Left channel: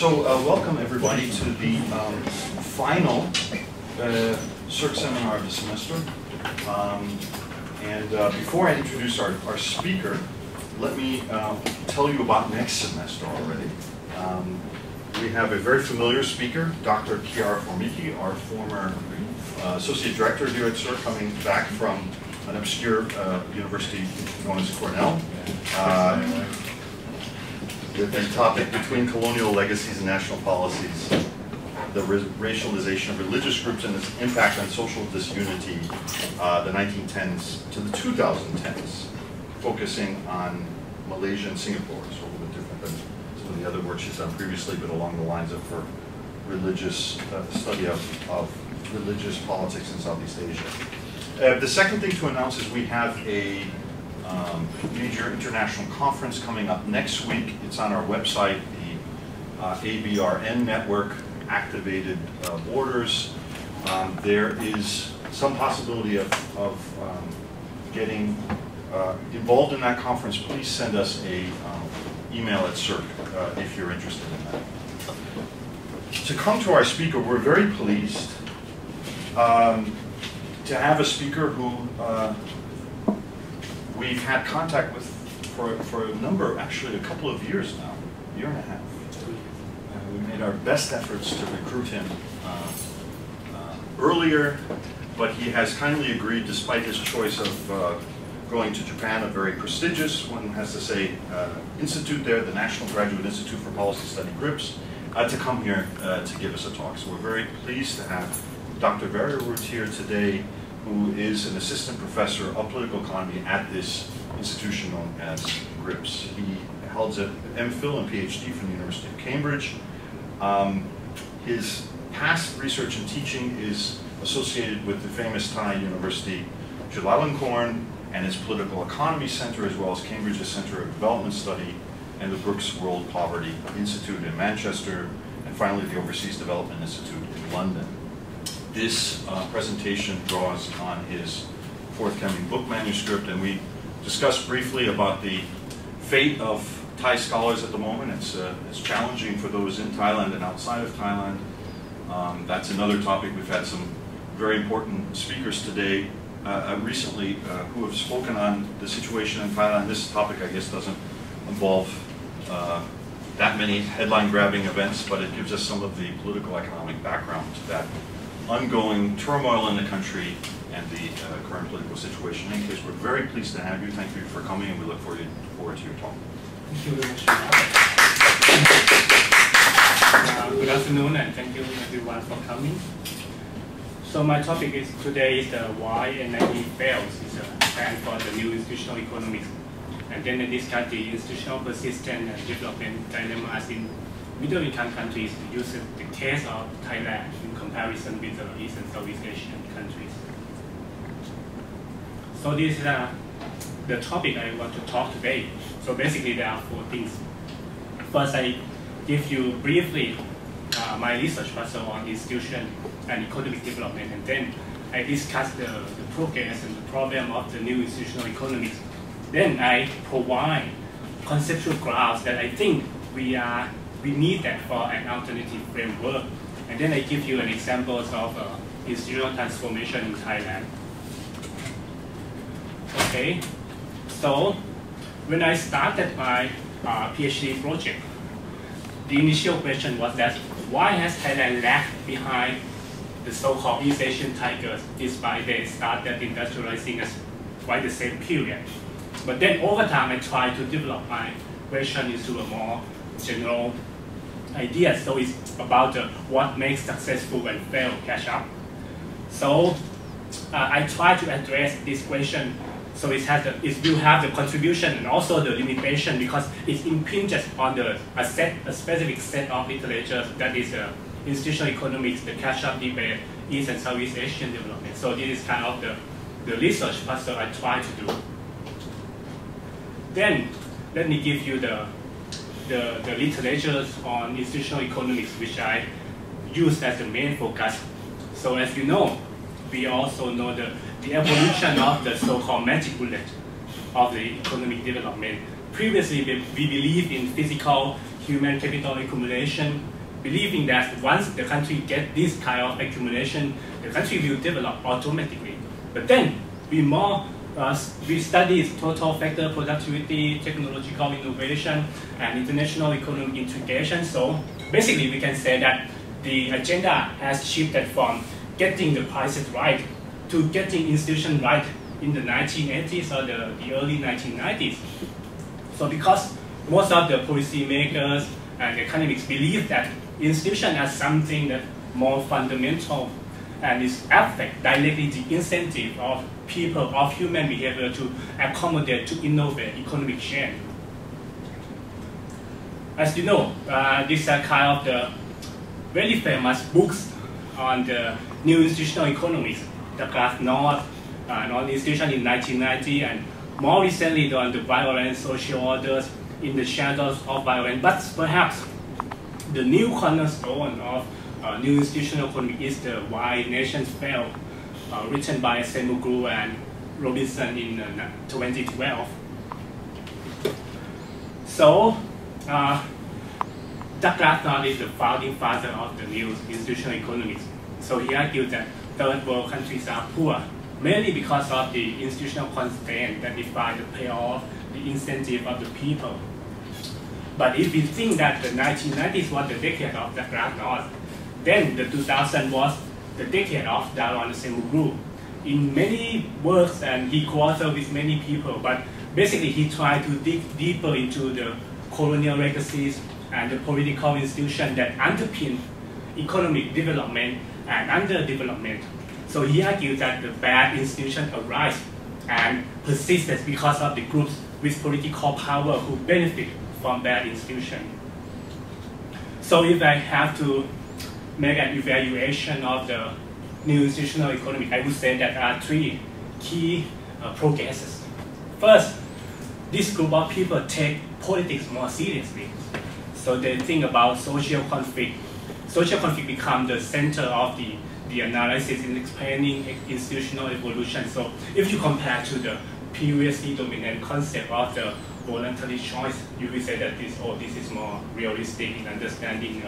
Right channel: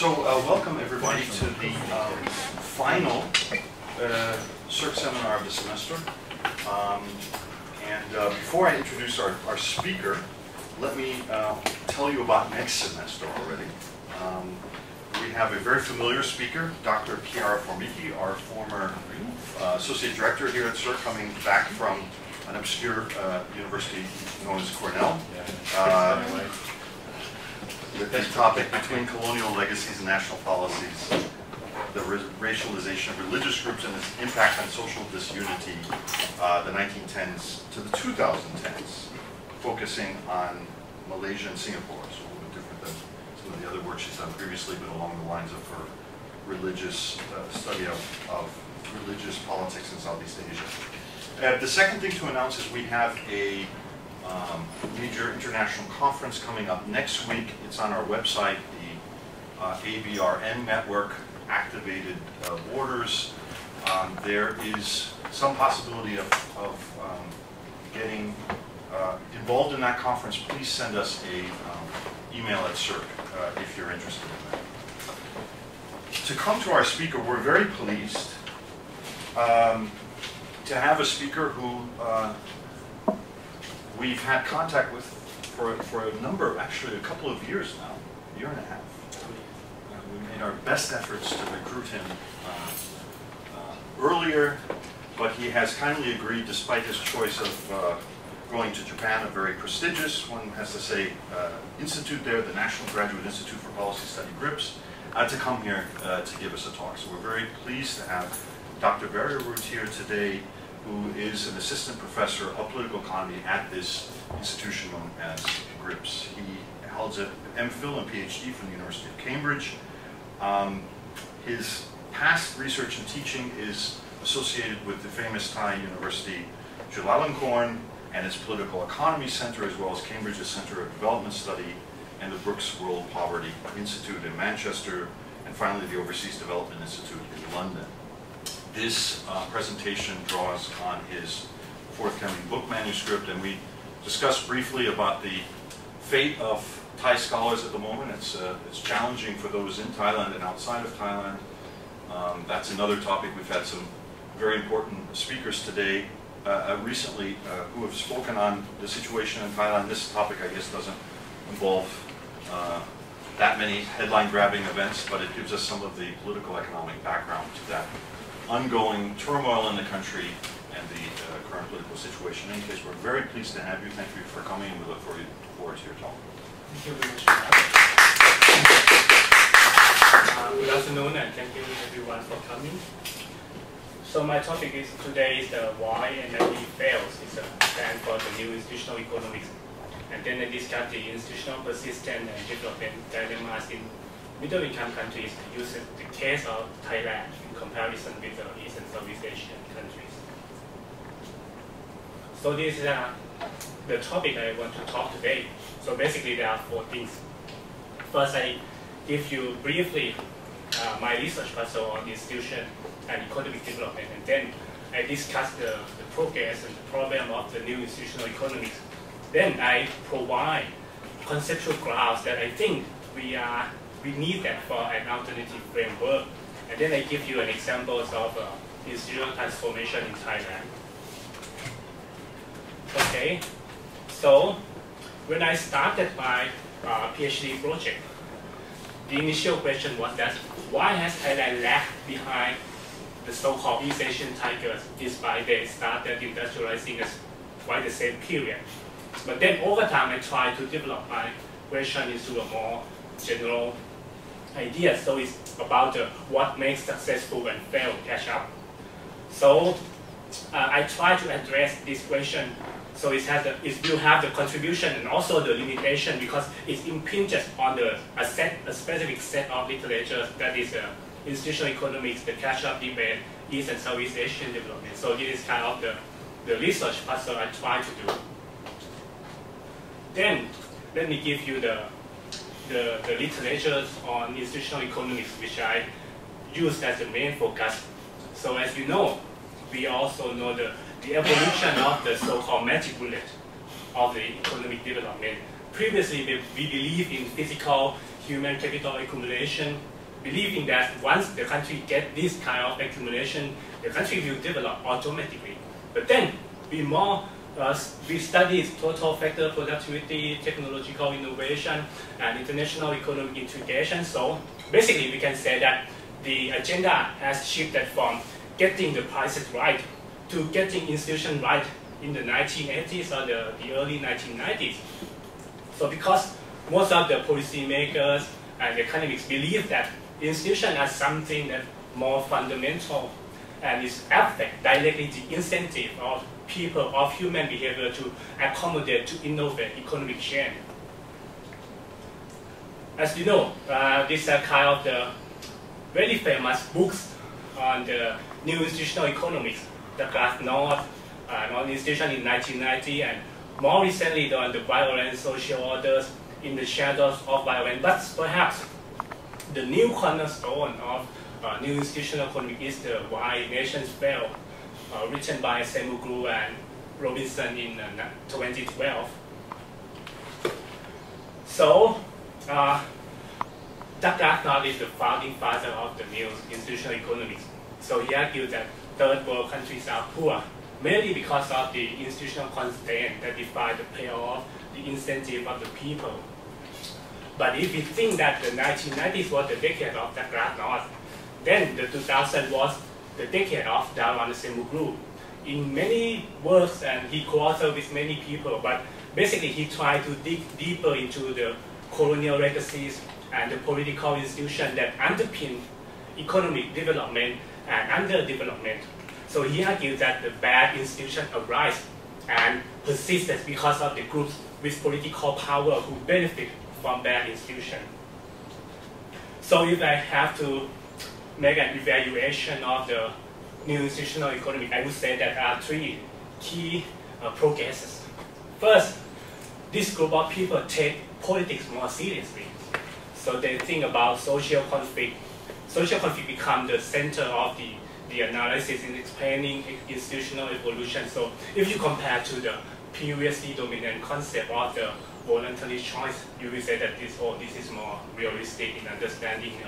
So welcome everybody to the final CERC seminar of the semester. Before I introduce our speaker, let me tell you about next semester already. We have a very familiar speaker, Dr. Chiara Formicchi, our former Associate Director here at CERC, coming back from an obscure university known as Cornell. With the topic, Between Colonial Legacies and National Policies, the racialization of religious groups and its impact on social disunity, the 1910s to the 2010s, focusing on Malaysia and Singapore, so a little bit different than some of the other work she's done previously, but along the lines of her religious study of religious politics in Southeast Asia. The second thing to announce is we have a major international conference coming up next week. It's on our website, the ABRN network, Activated Borders. There is some possibility of getting involved in that conference. Please send us a email at CERC if you're interested in that. To come to our speaker, we're very pleased to have a speaker who we've had contact with for a number, actually a couple of years now, a year and a half. We made our best efforts to recruit him earlier, but he has kindly agreed, despite his choice of going to Japan, a very prestigious, one has to say, institute there, the National Graduate Institute for Policy Study, GRIPS, to come here to give us a talk. So we're very pleased to have Dr. Veerayooth here today, who is an assistant professor of political economy at this institution known as GRIPS. He holds an MPhil and PhD from the University of Cambridge. His past research and teaching is associated with the famous Thai university Chulalongkorn and its Political Economy Center, as well as Cambridge's Center of Development Study and the Brooks World Poverty Institute in Manchester, and finally the Overseas Development Institute in London. This presentation draws on his forthcoming book manuscript, and we discussed briefly about the fate of Thai scholars at the moment. It's challenging for those in Thailand and outside of Thailand. That's another topic. We've had some very important speakers today recently who have spoken on the situation in Thailand. This topic, I guess, doesn't involve that many headline-grabbing events, but it gives us some of the political economic background to that ongoing turmoil in the country and the current political situation. In any case, we're very pleased to have you. Thank you for coming, and we look forward to your talk. Thank you very much. Good afternoon, and thank you everyone for coming. So my topic is today is why NIE fails. It's a plan for the new institutional economics, and then I discuss the institutional persistence and development dilemmas in middle-income countries, using the case of Thailand in comparison with the East and Southeast Asian countries. So this is the topic I want to talk today. So basically there are four things. First, I give you briefly my research puzzle on the institution and economic development, and then I discuss the progress and the problem of the new institutional economics. Then I provide conceptual graphs that I think we need that for an alternative framework. And then I give you an examples of institutional transformation in Thailand. Okay, so when I started my PhD project, the initial question was that why has Thailand lagged behind the so-called East Asian tigers, despite they started industrializing at quite the same period? But then over time, I tried to develop my question into a more general idea. So it's about what makes successful and fail catch up. So I try to address this question. So it will have the contribution and also the limitation, because it impinges on a specific set of literature, that is institutional economics, the catch-up debate, East and Southeast Asian development. So this is kind of the research puzzle I try to do. Then let me give you the literature on institutional economics, which I use as the main focus. So as you know, we also know the evolution of the so-called magic bullet of the economic development. previously we believe in physical human capital accumulation, believing that once the country gets this kind of accumulation, the country will develop automatically. But then we studied total factor productivity, technological innovation, and international economic integration. So basically, we can say that the agenda has shifted from getting the prices right to getting institutions right in the 1980s or the early 1990s. So because most of the policymakers and economists believe that institutions are something that more fundamental and is affect directly the incentive of people, of human behavior to accommodate, to innovate economic change. As you know, these are kind of the very famous books on the new institutional economics, the Glasnost, non-institution in 1990, and more recently on the violent social orders in the shadows of violence. But perhaps the new cornerstone of new institutional economics is the Why Nations Fail, written by Semuglu and Robinson in 2012. So, Glasnost is the founding father of the new institutional economics. So he argued that third world countries are poor, mainly because of the institutional constraints that define the payoff, the incentive of the people. But if we think that the 1990s was the decade of the Glasnost, then the 2000s was the decade of Daron Acemoglu. In many works, and he co-authored with many people, but basically he tried to dig deeper into the colonial legacies and the political institutions that underpin economic development and underdevelopment. So he argued that the bad institutions arise and persist because of the groups with political power who benefit from bad institutions. So if I have to make an evaluation of the new institutional economy, I would say that there are three key progresses. First, this group of people take politics more seriously. So they think about social conflict. Social conflict becomes the center of the analysis in explaining institutional evolution. So if you compare to the previously dominant concept of the voluntary choice, you will say that this is more realistic in understanding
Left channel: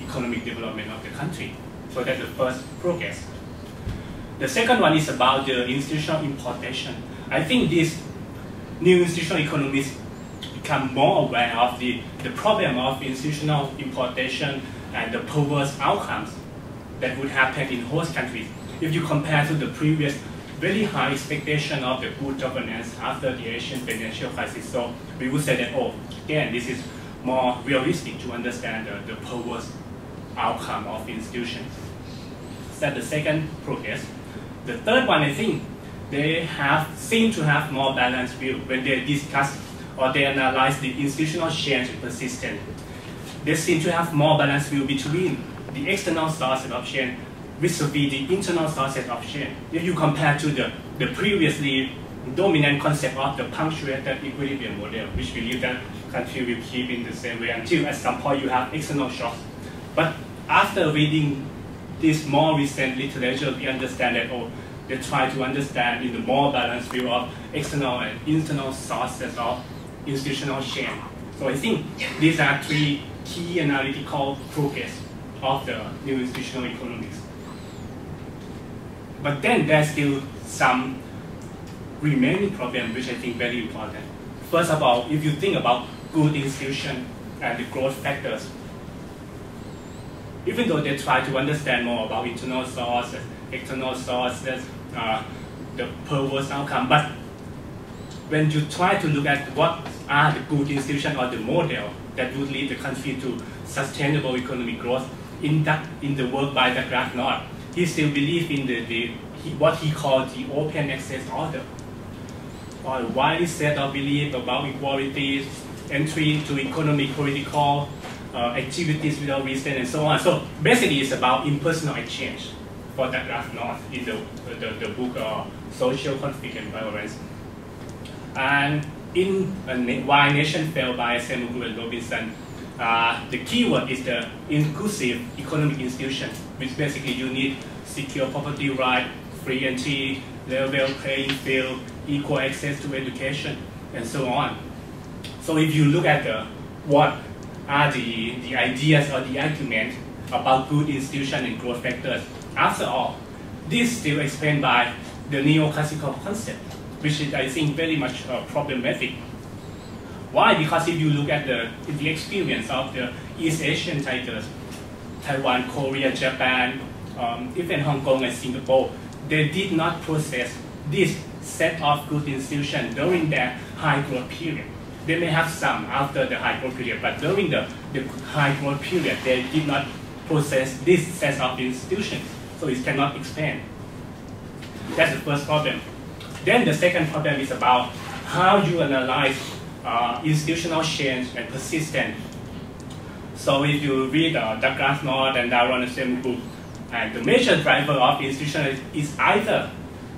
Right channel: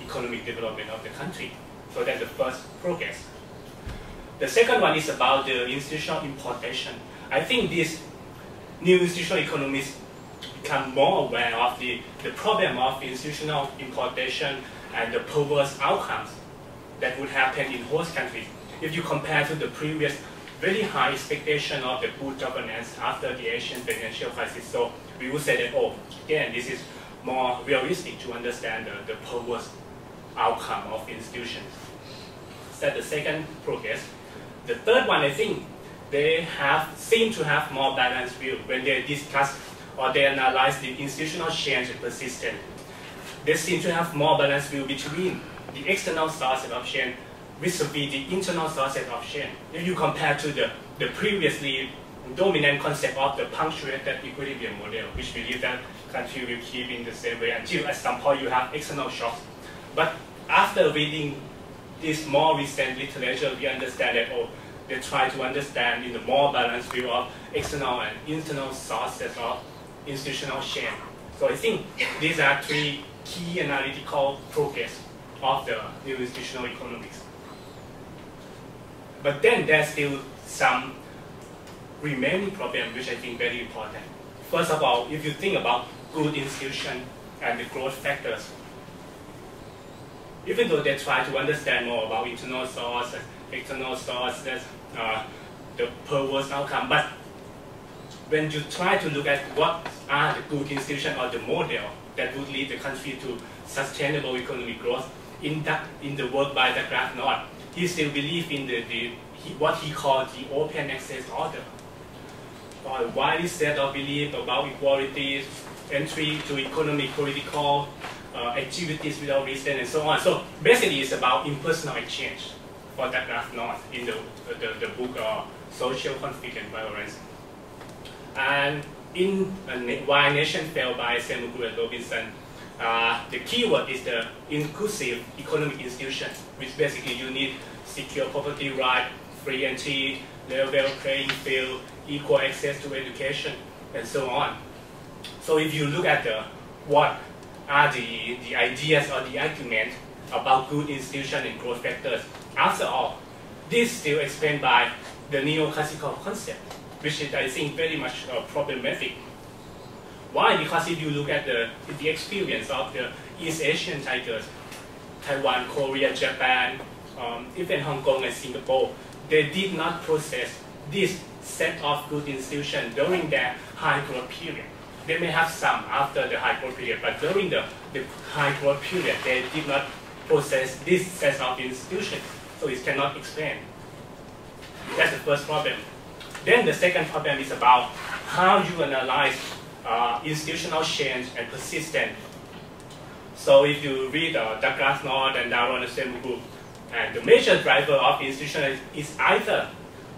economic development of the country. So that's the first progress. The second one is about the institutional importation. I think these new institutional economists become more aware of the problem of institutional importation and the perverse outcomes that would happen in host countries. If you compare to the previous very high expectation of the good governance after the Asian financial crisis, so we would say that, again, this is more realistic to understand the perverse outcome of institutions. That's the second progress. The third one, I think, they seem to have more balanced view when they discuss or they analyze the institutional change and persistence. They seem to have more balanced view between the external sources of change vis-a-vis the internal sources of change. If you compare to the previously dominant concept of the punctuated equilibrium model, which believe that country will keep in the same way until at some point you have external shocks. But after reading this more recent literature, we understand that they try to understand in the more balanced view of external and internal sources of institutional change. So I think these are three key analytical progress of the new institutional economics. But then there's still some remaining problem which I think very important. First of all, if you think about good institution and the growth factors, even though they try to understand more about internal sources, external sources, the perverse outcome, but when you try to look at what are the good institutions or the model that would lead the country to sustainable economic growth, in the work by the Glasnost, he still believes in what he called the open access order, or a widely set of belief about equality, entry to economic, political activities without restraint, and so on. So basically, it's about impersonal exchange for the Glasnost in the book Social Conflict and Violence. And in Why Nation Fail by Semuglu and Robinson, the key word is the inclusive economic institution, which basically you need secure property right, free entry, level playing field, equal access to education, and so on. So if you look at what are the ideas or the argument about good institution and growth factors, after all, this is still explained by the neoclassical concept, which is, I think, very much problematic. Why? Because if you look at the experience of the East Asian tigers, Taiwan, Korea, Japan, even Hong Kong and Singapore, they did not process this set of good institutions during their high growth period. They may have some after the high growth period, but during the high growth period, they did not process this set of institutions, so it cannot explain. That's the first problem. Then the second problem is about how you analyze institutional change and persistence. So if you read Douglas North and Darwin the same group, and the major driver of institution is either,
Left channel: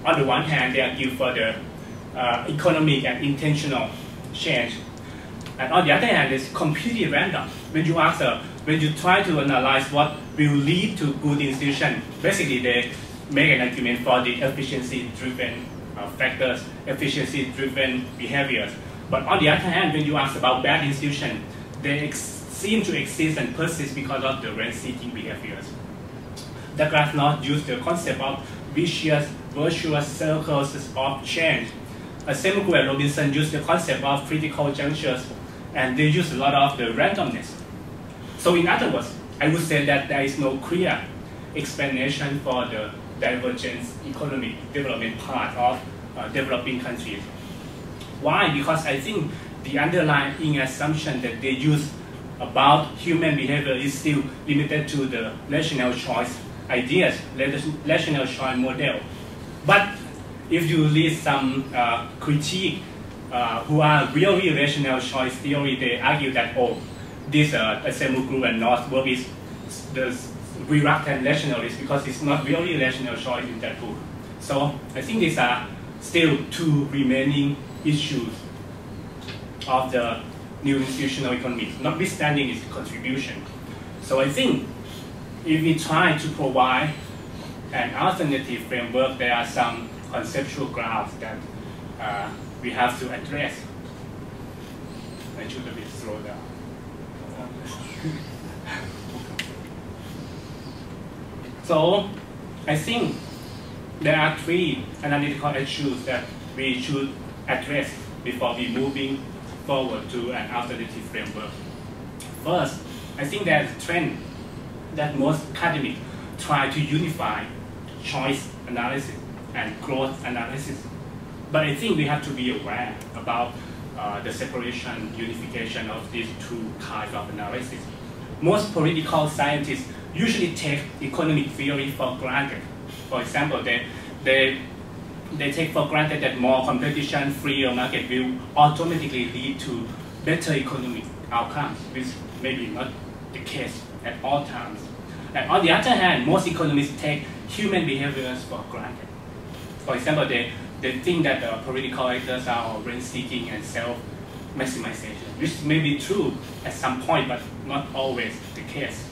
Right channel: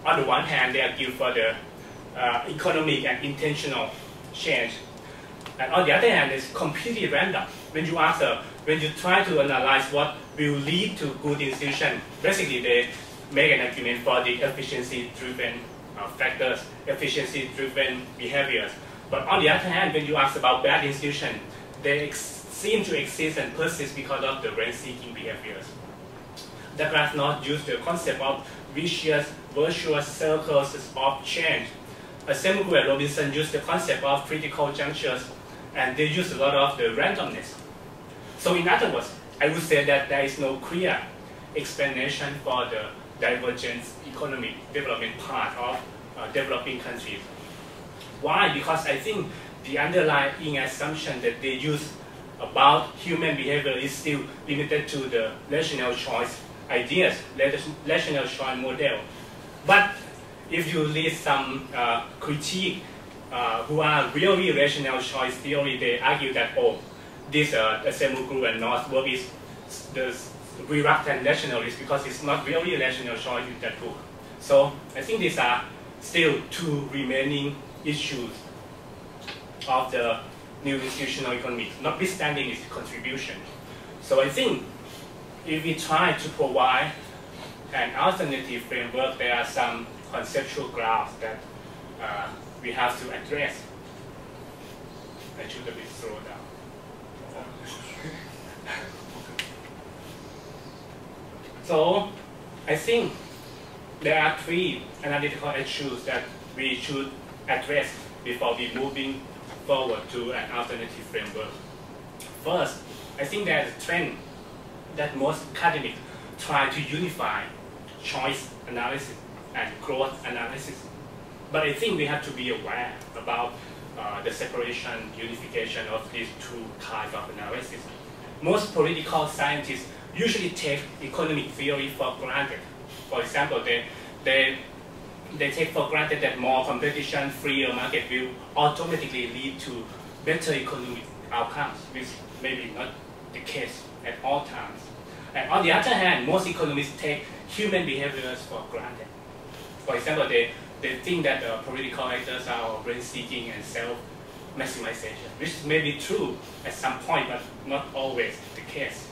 on the one hand, they argue for the economic and intentional change, and on the other hand, it's completely random. When you ask, when you try to analyze what will lead to good institution, basically they make an argument for the efficiency-driven factors, efficiency-driven behaviors. But on the other hand, when you ask about bad institution, they seem to exist and persist because of the rent-seeking behaviors. Douglas North used the concept of virtuous circles of change. Semigul and Robinson used the concept of critical junctures, and they use a lot of the randomness. So in other words, I would say that there is no clear explanation for the divergence economic development part of developing countries. Why? Because I think the underlying assumption that they use about human behavior is still limited to the rational choice ideas, rational choice model. But if you read some critique who are really rational choice theory, they argue that, this Semigul and North work is the reluctant rationalist because it's not really rational choice in that book. So I think these are still two remaining issues of the new institutional economy, notwithstanding its contribution. So I think if we try to provide an alternative framework, there are some conceptual grounds that we have to address. I should a bit slow down. So I think there are three analytical issues that we should address before we moving forward to an alternative framework. First, I think there's a trend that most academics try to unify choice analysis and growth analysis. But I think we have to be aware about the separation, unification of these two types of analysis. Most political scientists usually take economic theory for granted. For example, they take for granted that more competition, freer market will automatically lead to better economic outcomes, which may be not the case at all times. And on the other hand, most economists take human behaviors for granted. For example, they think that political actors are rent-seeking and self-maximization, which may be true at some point, but not always the case.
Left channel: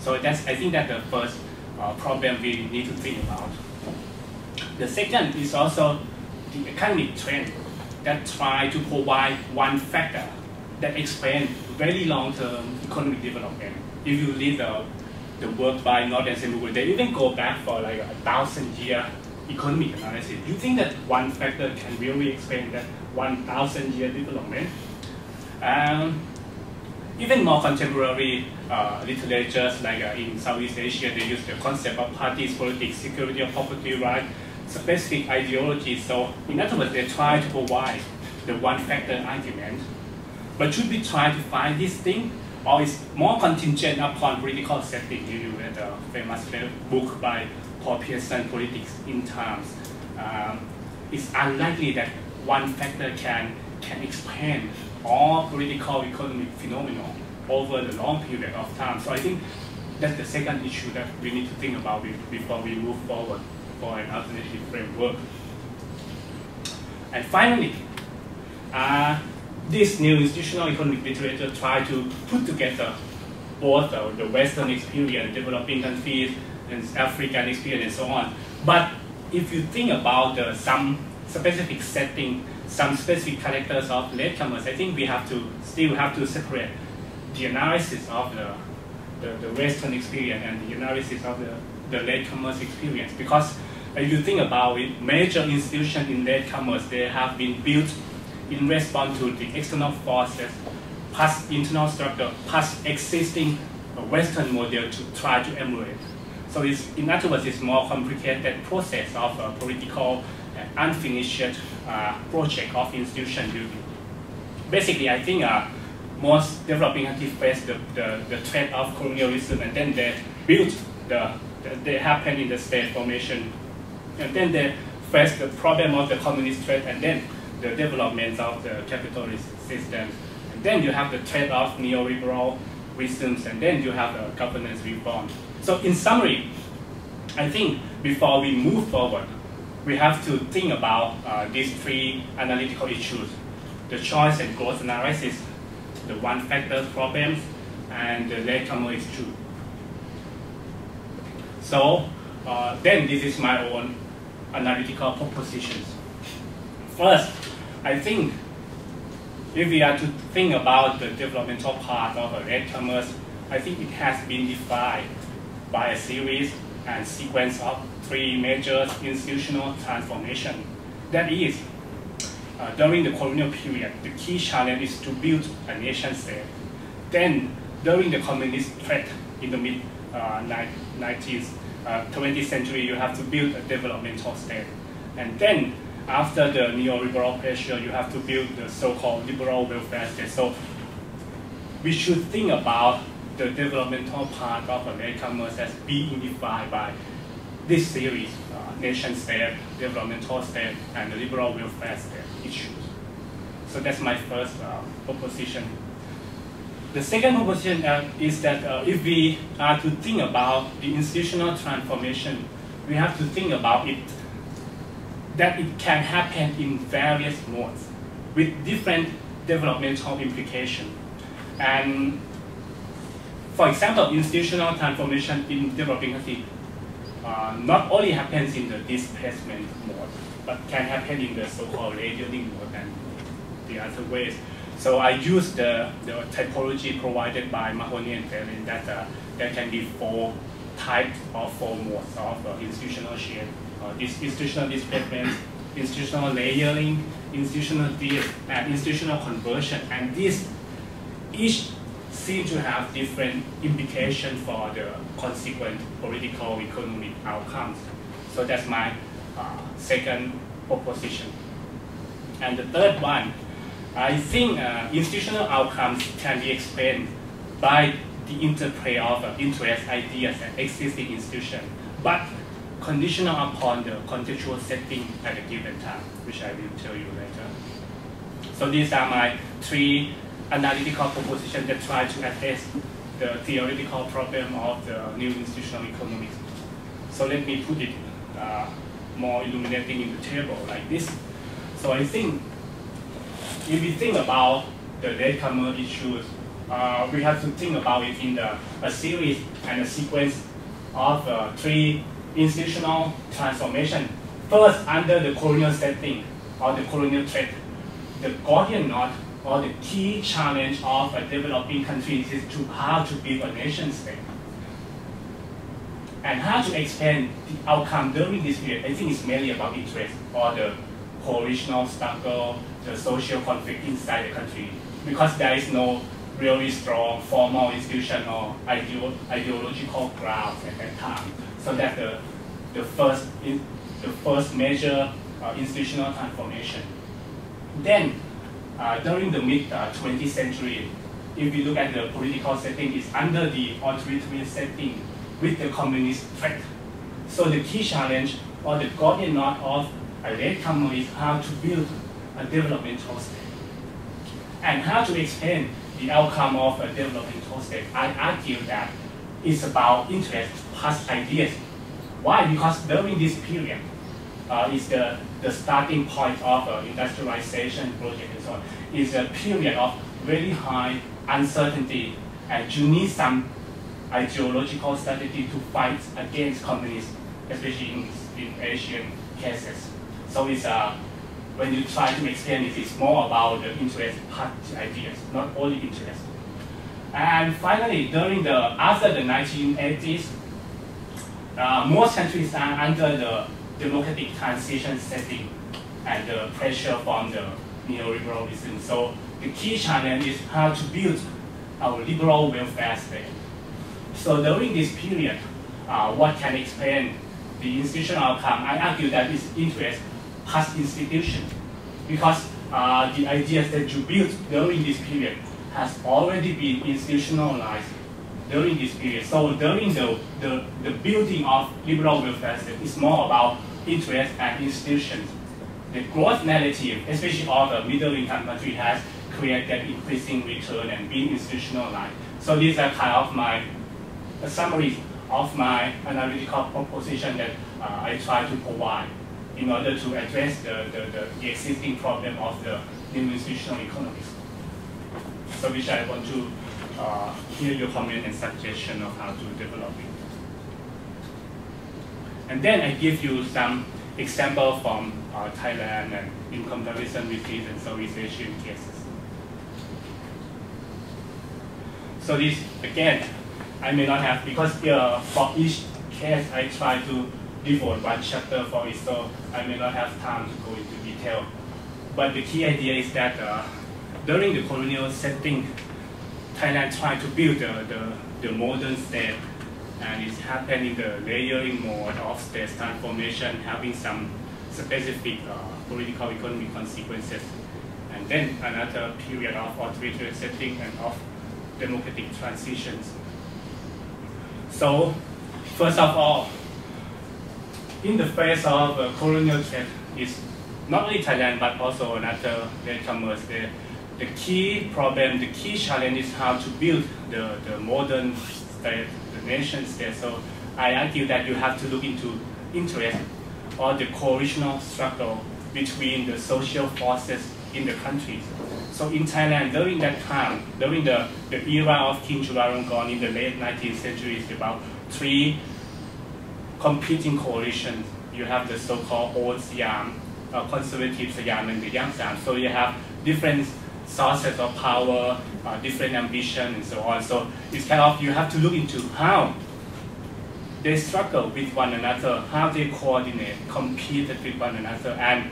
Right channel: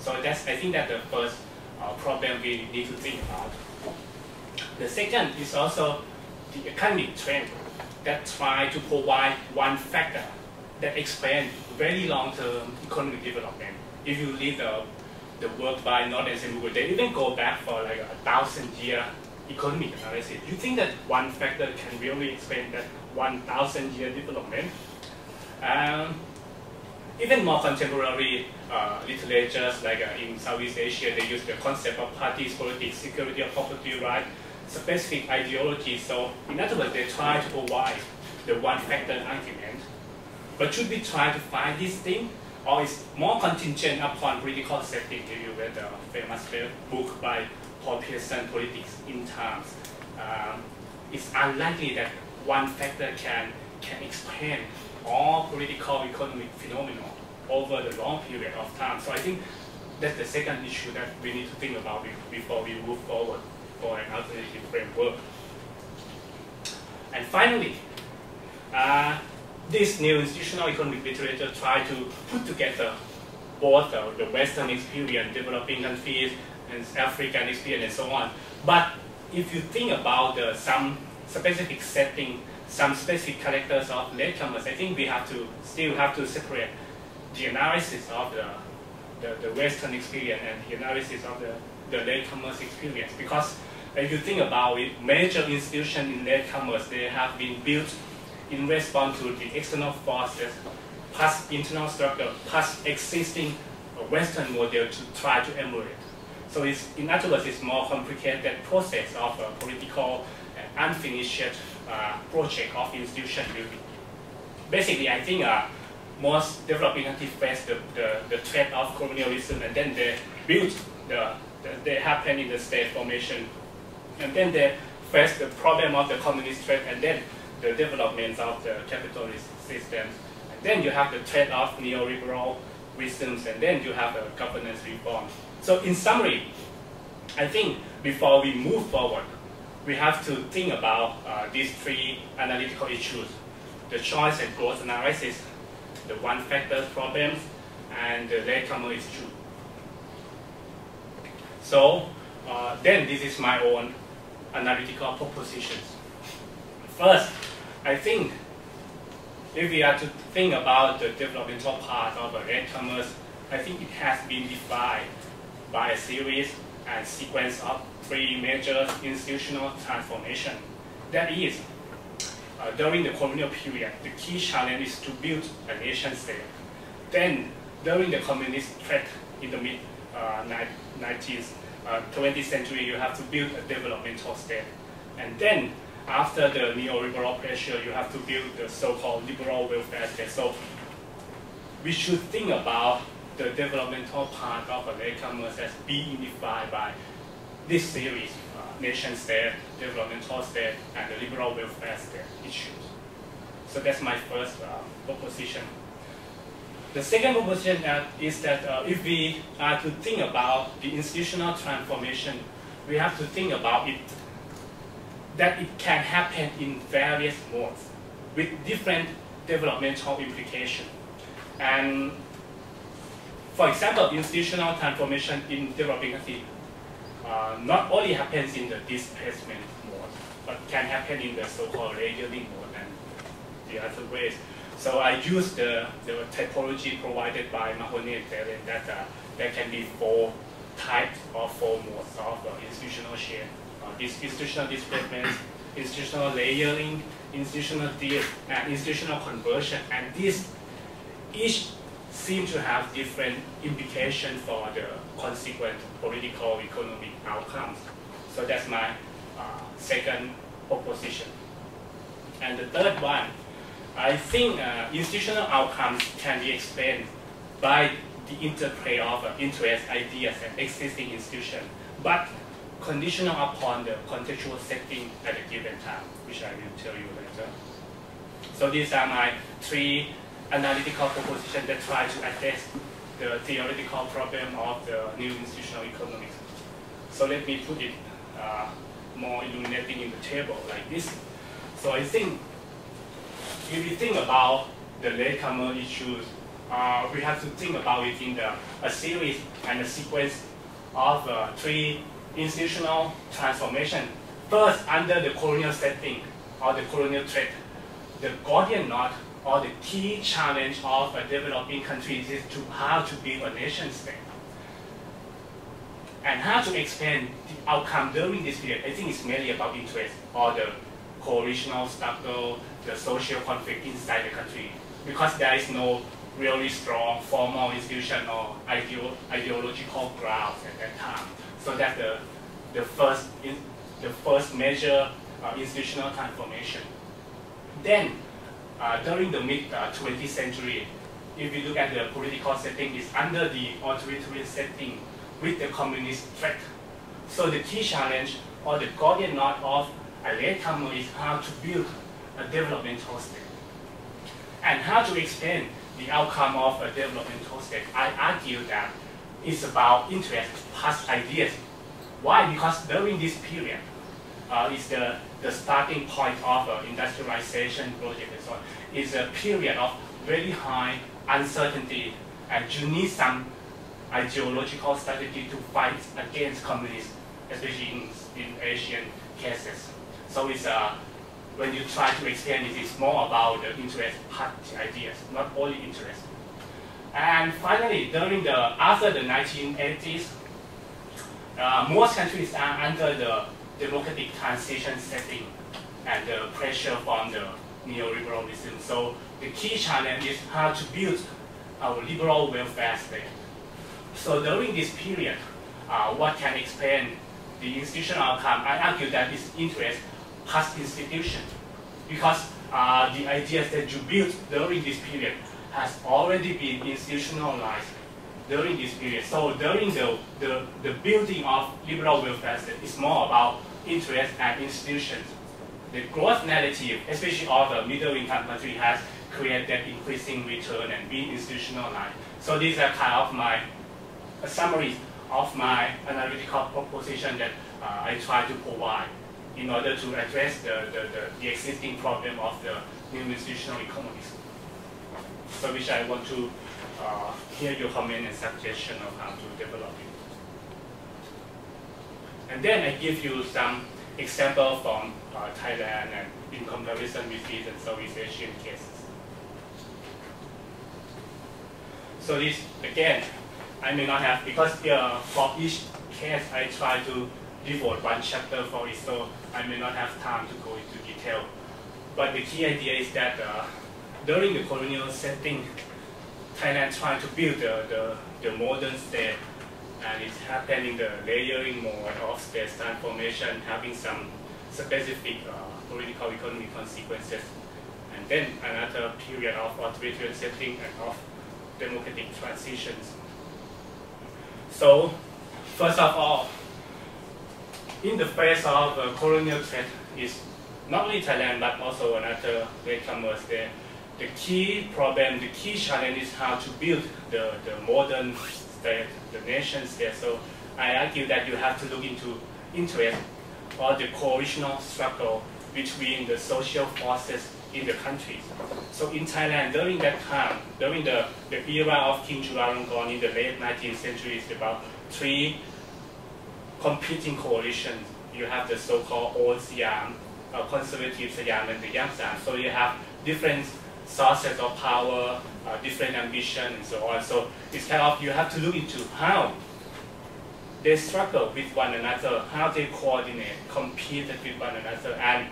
So I think that's the first problem we need to think about. The second is also the economic trend that try to provide one factor that explains very long-term economic development. If you read the work by North and Semigul, they even go back for like 1,000-year economic analysis. You think that one factor can really explain that 1,000-year development? Even more contemporary literatures, like in Southeast Asia, they use the concept of parties, politics, security of property right, specific ideologies. So in other words, they try to provide the one factor argument. But should we try to find this thing, or is more contingent upon political setting? If you read the famous book by Paul Pearson, Politics in Times, it's unlikely that one factor can explain all political economic phenomena over the long period of time. So I think that's the second issue that we need to think about before we move forward for an alternative framework. And finally, this new institutional economic literature try to put together both the Western experience, developing countries, and African experience, and so on. But if you think about some specific setting, some specific characters of latecomers, I think we still have to separate the analysis of the Western experience and the analysis of the latecomers experience. Because if you think about it, major institutions in latecomers, they have been built in response to the external forces, plus internal structure, plus existing Western model to try to emulate. So in other words, it's more complicated process of a political and unfinished project of institution building. Basically, I think most developing countries face the threat of colonialism, and then they build they happen in the state formation, and then they face the problem of the communist threat, and then the development of the capitalist systems, and then you have the threat of neoliberal wisdoms, and then you have the governance reform. So in summary, I think before we move forward, we have to think about these three analytical issues: the choice and growth analysis, the one-factor problems, and the latecomer is true. So then this is my own analytical propositions. First, I think if we are to think about the developmental part of latecomers, I think it has been defined by a series and sequence of three major institutional transformations. That is, during the colonial period, the key challenge is to build a nation state. Then, during the communist threat in the mid-20th century, you have to build a developmental state. And then, after the neoliberal pressure, you have to build the so-called liberal welfare state. So, we should think about the developmental part of latecomers as being defined by this series, nation state, developmental state, and the liberal welfare state issues. So that's my first proposition. The second proposition is that if we are to think about the institutional transformation, we have to think about it, that it can happen in various modes with different developmental implications. And for example, institutional transformation in developing countries not only happens in the displacement mode, but can happen in the so-called layering mode and the other ways. So I use the typology provided by Mahoney and Thailand that there can be 4 types or 4 modes of institutional change. Institutional displacement, institutional layering, institutional and institutional conversion. And these each seem to have different implications for the consequent political economic outcomes. So that's my second proposition. And the third one, I think institutional outcomes can be explained by the interplay of interest, ideas, and existing institutions, but conditional upon the contextual setting at a given time, which I will tell you later. So these are my 3 analytical propositions that try to address the theoretical problem of the new institutional economics. So let me put it more illuminating in the table like this. So I think if we think about the latecomer issues, we have to think about it in a series and a sequence of 3 institutional transformation. First, under the colonial setting or the colonial threat, the Gordian knot or the key challenge of a developing country is to how to build a nation state. And how to explain the outcome during this period, I think it's mainly about interest or the coalitional struggle, the social conflict inside the country, because there is no really strong formal institution or ideological grounds at that time. So that's the first major institutional transformation. Then, during the mid-20th century, if you look at the political setting, it's under the authoritarian setting with the communist threat. So the key challenge or the Gordian knot of a latecomer is how to build a developmental state. And how to explain the outcome of a developmental state. I argue that it's about interest plus ideas. Why? Because during this period, is the starting point of industrialization project and so on, is a period of very high uncertainty, and you need some ideological strategy to fight against communism, especially in Asian cases. So it's when you try to explain it, it's more about the interest party ideas, not only interest. And finally, after the 1980s, most countries are under the democratic transition setting and the pressure from the neoliberalism. So the key challenge is how to build our liberal welfare state. So during this period, what can explain the institutional outcome? I argue that it's interest plus institution, because the ideas that you built during this period has already been institutionalized during this period. So during the building of liberal welfare state, it's more about interest and institutions. The growth narrative, especially of the middle income country, has created increasing return and been institutionalized. So these are kind of a summary of my analytical proposition that I try to provide in order to address the existing problem of the new institutional economies. So which I want to hear your comment and suggestion of how to develop it. And then I give you some example from Thailand and in comparison with these and Southeast Asian cases. So this, again, I may not have, because for each case I try to devote one chapter for it, so I may not have time to go into detail. But the key idea is that during the colonial setting, Thailand tried to build the modern state, and it's happening the layering mode of state transformation, having some specific political economic consequences. And then another period of authoritarian setting and of democratic transitions. So, first of all, in the face of colonial threat, is not only Thailand but also another latecomers. The key problem, the key challenge is how to build the modern state, the nation state. So I argue that you have to look into interest or the coalitional struggle between the social forces in the countries. So in Thailand, during that time, during the era of King Chulalongkorn in the late 19th century, it's about three competing coalitions. You have the so-called Old Siam, conservative Siam, and the Young Siam. So you have different sources of power, different ambition, and so on. So it's kind of, you have to look into how they struggle with one another, how they coordinate, compete with one another. And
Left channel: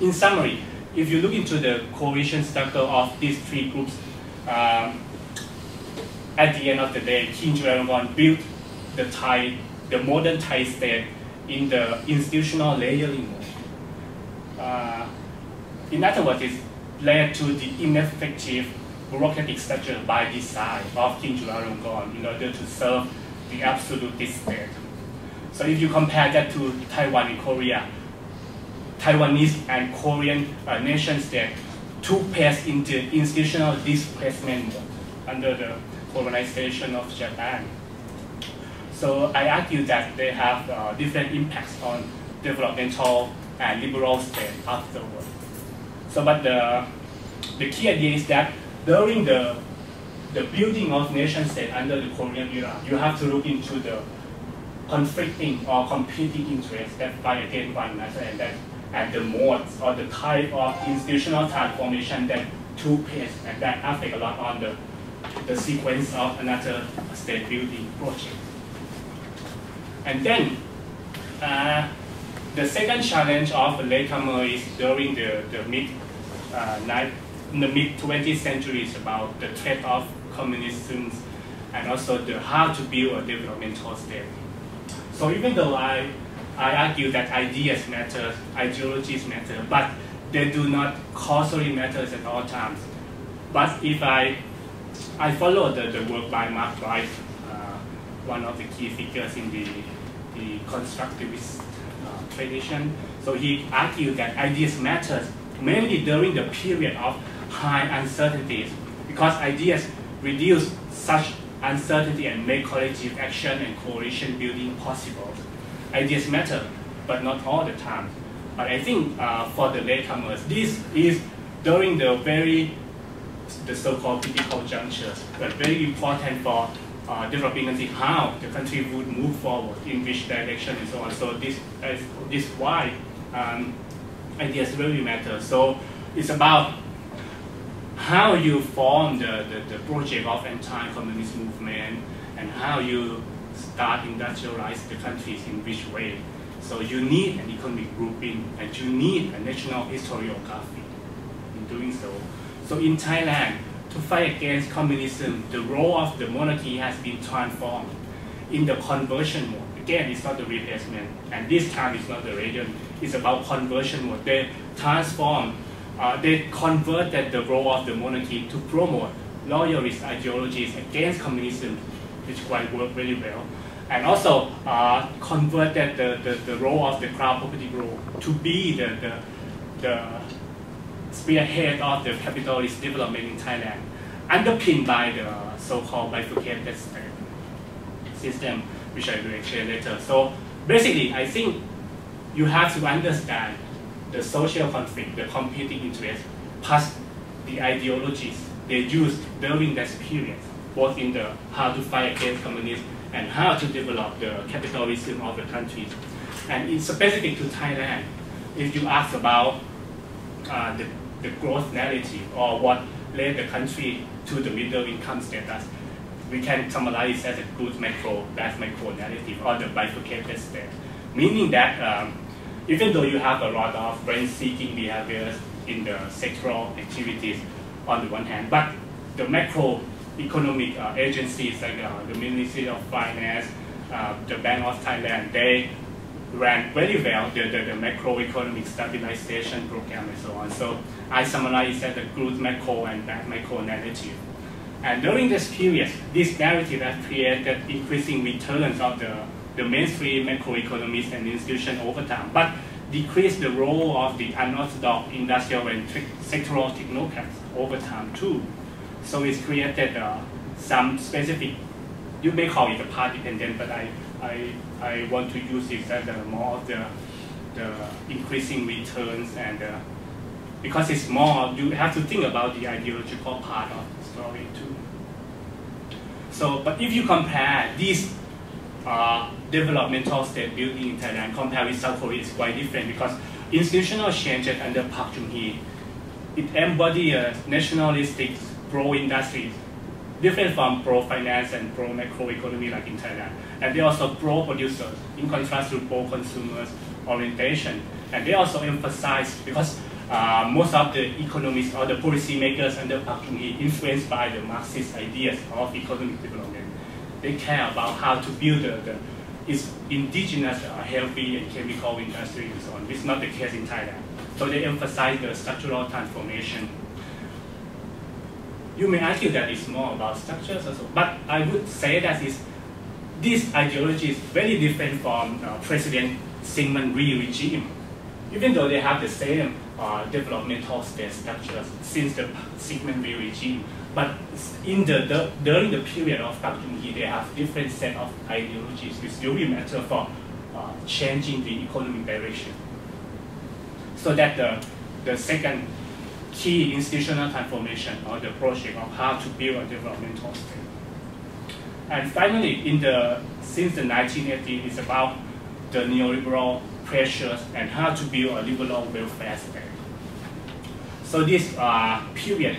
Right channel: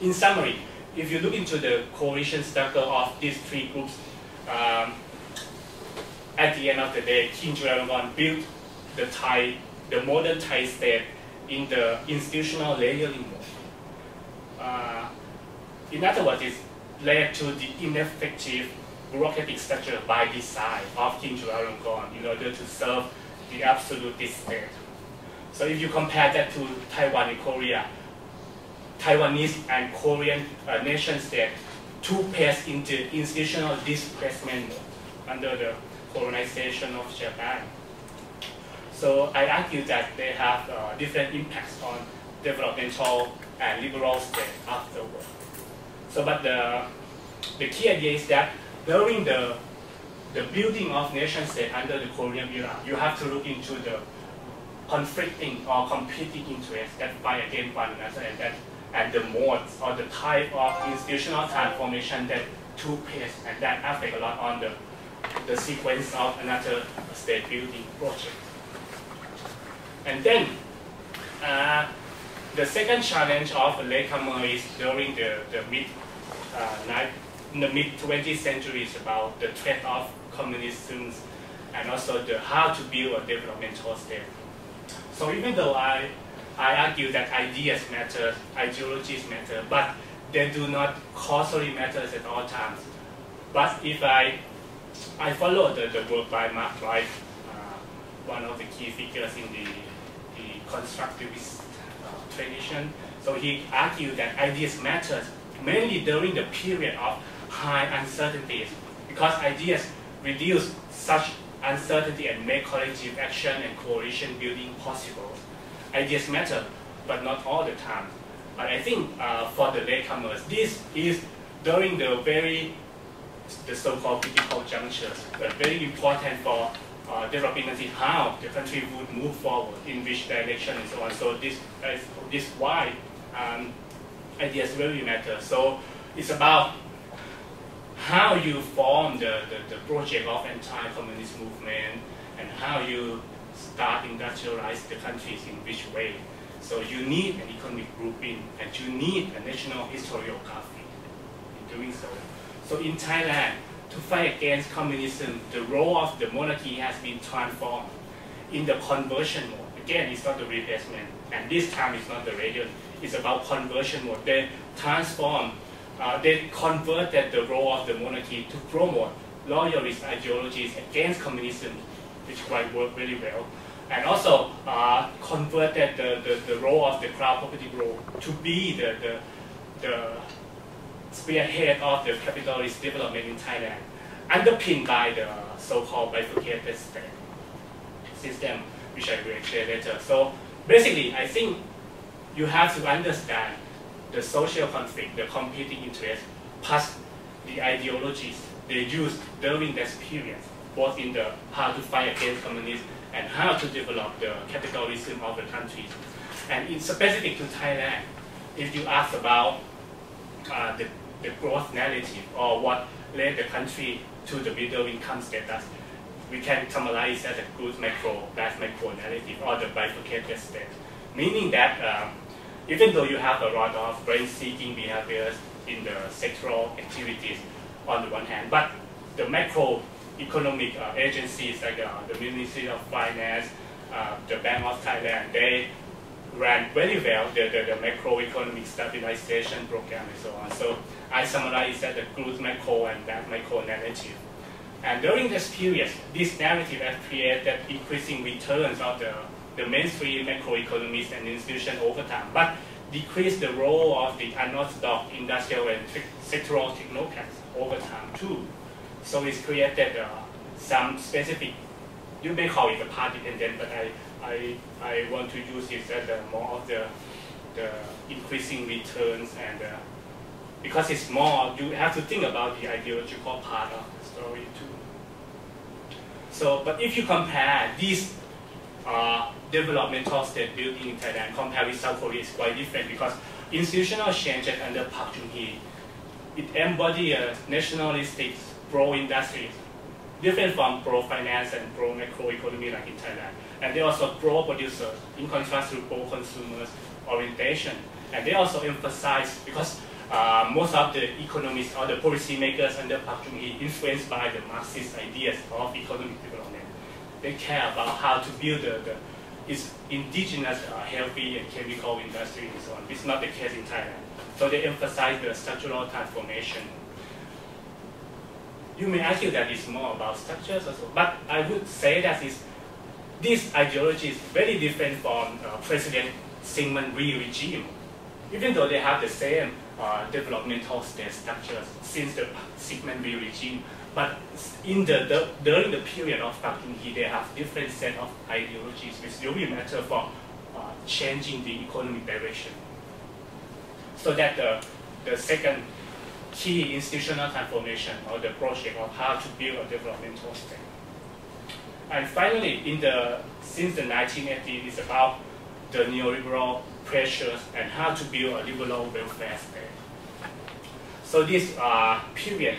in summary, if you look into the coalition struggle of these three groups, at the end of the day, King Chulalongkorn built the modern Thai state in the institutional layering mode. In other words, it led to the ineffective bureaucratic structure by design of King Chulalongkorn in order to serve the absolutist state. So if you compare that to Taiwan and Korea, Taiwanese and Korean nation state took place into institutional displacement under the colonization of Japan. So I argue that they have different impacts on developmental and liberal state afterward. So, but the key idea is that during the building of nation state under the colonial era, you have to look into the conflicting or competing interests that fight against one another, and the modes or the type of institutional transformation that took place, and that affect a lot on the sequence of another state building project. And then the second challenge of the latecomer is during the mid 20th century is about the threat of communism and also how to build a developmental state. So even though I argue that ideas matter, ideologies matter, but they do not causally matter at all times. But if I follow the work by Mark Wright, one of the key figures in the constructivist tradition, so he argued that ideas matter mainly during the period of high uncertainties, because ideas reduce such uncertainty and make collective action and coalition building possible. Ideas matter, but not all the time. But I think for the latecomers, this is during the so-called critical junctures, but very important for developing country, how the country would move forward, in which direction, and so on. So this is why ideas really matter. So it's about how you form the project of anti-communist movement and how you start industrialize the countries in which way. So you need an economic grouping and you need a national historiography in doing so. So in Thailand, to fight against communism, the role of the monarchy has been transformed in the conversion mode. Again, it's not the replacement, and this time it's not the radio, it's about conversion mode. They transform, they converted the role of the monarchy to promote loyalist ideologies against communism, which quite worked very well, and also converted the role of the crowd property group to be the spearhead of the capitalist development in Thailand, underpinned by the so-called bifurcated state system, which I will explain later. So basically, I think you have to understand the social conflict, the competing interests, plus the ideologies they used during that period, both in the how to fight against communism and how to develop the capitalism of the country. And in specific to Thailand, if you ask about the growth narrative or what led the country to the middle income status, we can summarize as a good macro, bad macro narrative, or the bifurcated state. Meaning that even though you have a lot of rent-seeking behaviors in the sectoral activities on the one hand, but the macroeconomic agencies like the Ministry of Finance, the Bank of Thailand, they ran very well the macroeconomic stabilization program and so on. So I summarize as a good macro and bad macro narrative. And during this period, this narrative has created increasing returns of the mainstream macroeconomists and institutions over time, but decreased the role of the unorthodox industrial and sectoral technocrats over time too. So it's created some specific, you may call it a part dependent, but I want to use it as more of the increasing returns, and because it's more, you have to think about the ideological part of the story too. So, but if you compare these developmental state building in Thailand compared with South Korea, it's quite different because institutional changes under Park Chung-hee, it embodies a nationalistic pro-industry, different from pro-finance and pro-macroeconomy like in Thailand. And they also pro-producers in contrast to pro-consumers orientation. And they also emphasize, because most of the economists or the policymakers under Park Chung-hee influenced by the Marxist ideas of economic development. They care about how to build its indigenous healthy and chemical industry and so on. It's not the case in Thailand. So they emphasize the structural transformation. You may argue that it's more about structures also, but I would say that this ideology is very different from President Syngman Rhee regime. Even though they have the same developmental state structures since the Syngman Rhee regime, but in during the period of Park Chung-hee, they have different set of ideologies which really matter for changing the economic direction. So that the second key institutional transformation or the project of how to build a developmental state. And finally, since the 1980s, it's about the neoliberal pressures and how to build a liberal welfare state. So this period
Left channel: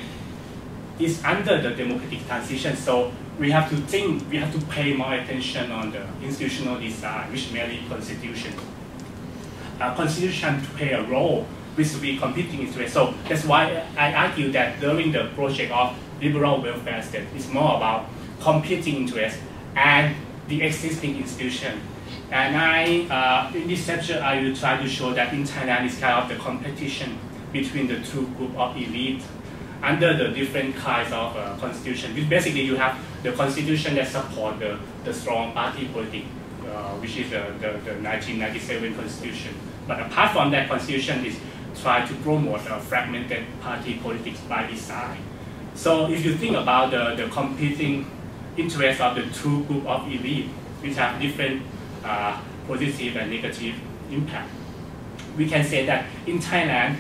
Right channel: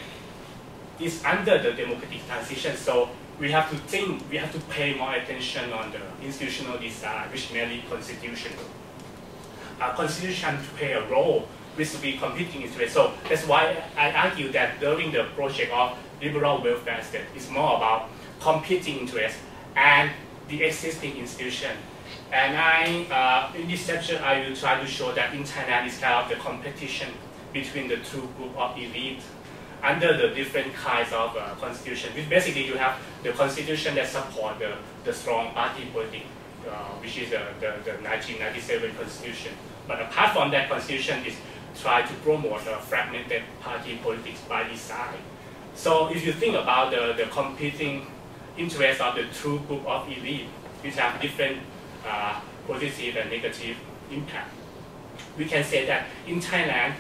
is under the democratic transition, so we have to pay more attention on the institutional design, which mainly constitution. Constitution to play a role with the competing interests. So that's why I argue that during the project of liberal welfare state, it's more about competing interests and the existing institution. And in this lecture, I will try to show that in Thailand, it's kind of the competition between the two groups of elite under the different kinds of constitution. Basically, you have the constitution that support the strong party politics, which is the 1997 constitution. But apart from that, constitution is try to promote a fragmented party politics by design. So if you think about the competing interests of the two groups of elite, which have different positive and negative impact, we can say that in Thailand,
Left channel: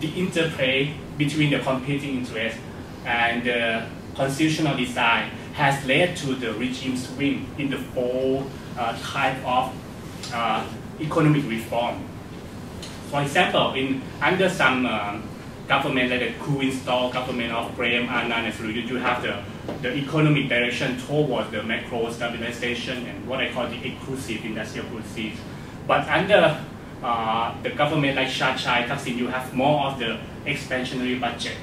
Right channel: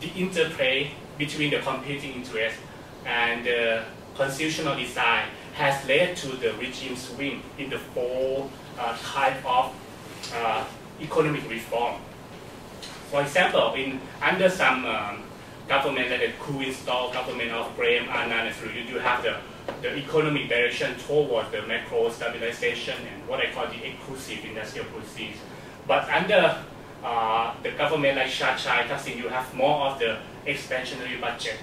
the interplay between the competing interests and the constitutional design has led to the regime swing in the four type of economic reform. For example, under some government like the coup install government of Graham Anand, you have the economic direction towards the macro stabilization and what I call the exclusive industrial policies. But under the government like Chai Thaksin, you have more of the expansionary budget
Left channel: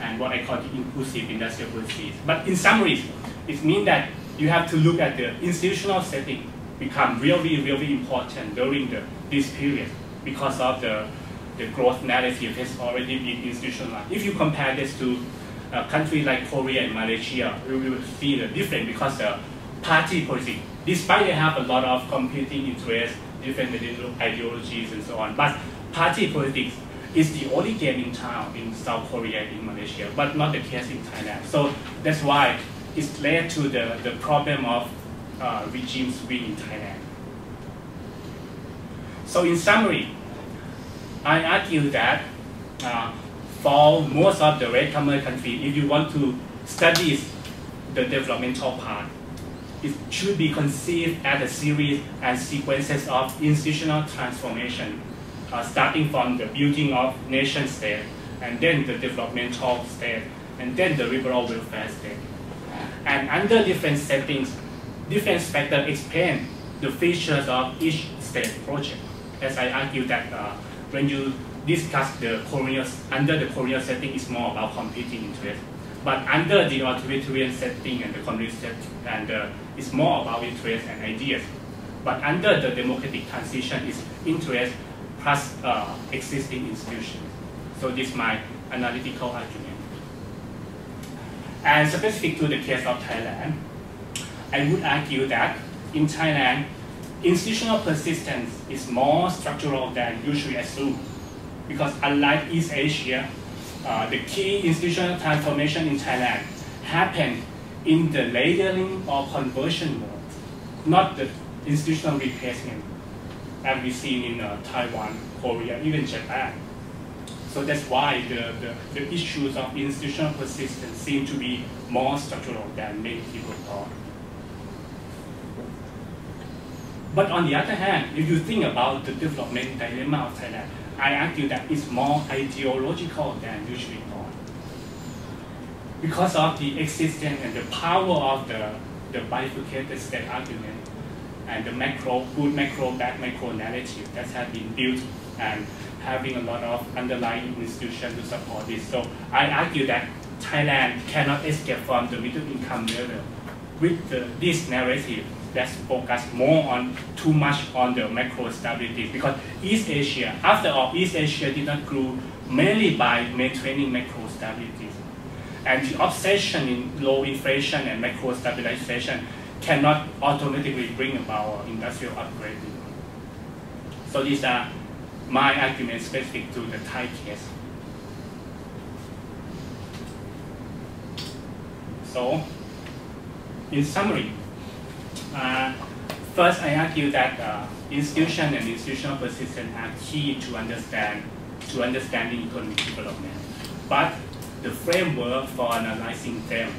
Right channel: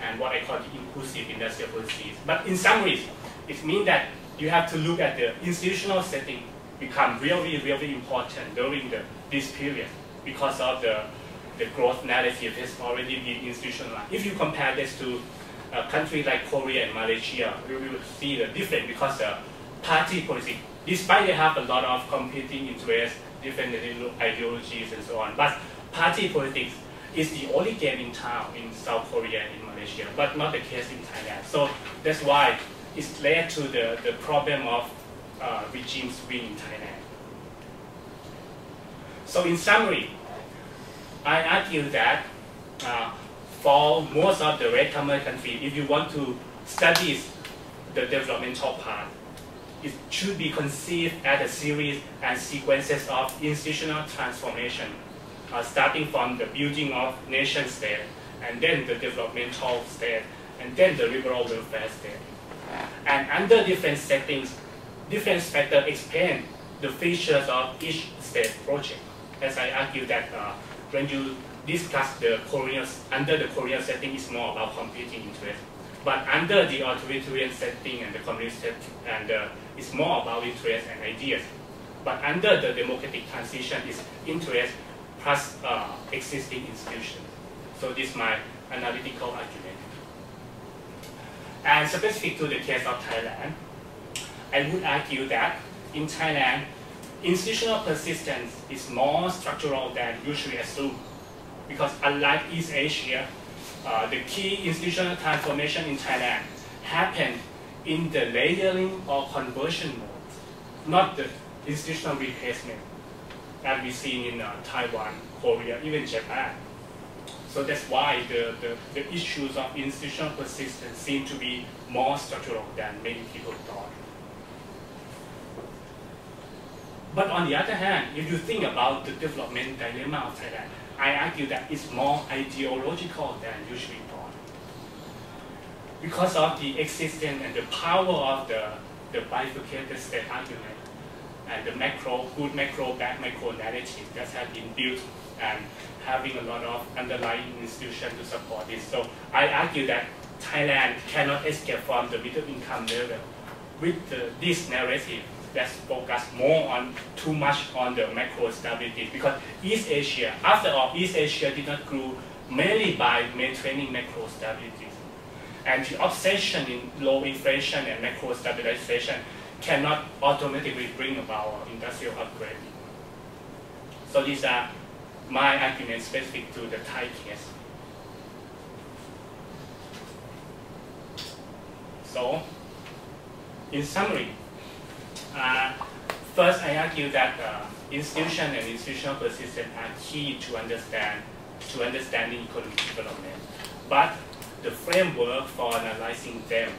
and what I call the inclusive industrial policies. But in summary, it means that you have to look at the institutional setting become really, really important during this period because of the growth narrative has already been institutionalized. If you compare this to a country like Korea and Malaysia, you will see the difference because the party policy, despite they have a lot of competing interests, different ideologies and so on, but party politics is the only game in town in South Korea and in Malaysia, but not the case in Thailand. So that's why it's led to the problem of regime swing in Thailand. So in summary, I argue that for most of the latecomer countries, if you want to study the developmental part, it should be conceived as a series and sequences of institutional transformation, starting from the building of nation state, and then the developmental state, and then the liberal welfare state. And under different settings, different factors explain the features of each state project. As I argue that when you discuss under the colonial setting, it's more about competing interests. But under the authoritarian setting and the communist setting, it's more about interests and ideas. But under the democratic transition, it's interest plus existing institutions. So this is my analytical argument. And specific to the case of Thailand, I would argue that in Thailand, institutional persistence is more structural than usually assumed. Because unlike East Asia, the key institutional transformation in Thailand happened in the layering or conversion mode, not the institutional replacement, as we see in Taiwan, Korea, even Japan. So that's why the issues of institutional persistence seem to be more structural than many people thought. But on the other hand, if you think about the development dilemma of Thailand, I argue that it's more ideological than usually thought. Because of the existence and the power of the bifurcated state argument and the good macro, bad macro narrative that has been built and having a lot of underlying institutions to support this. So I argue that Thailand cannot escape from the middle income level with this narrative that's focused too much on the macro stability, because East Asia, after all, East Asia did not grow mainly by maintaining macro stability. And the obsession in low inflation and macro stabilization cannot automatically bring about industrial upgrading. So these are my arguments specific to the Thai case. So, in summary, first, I argue that institution and institutional persistence are key to understanding economic development. But the framework for analyzing them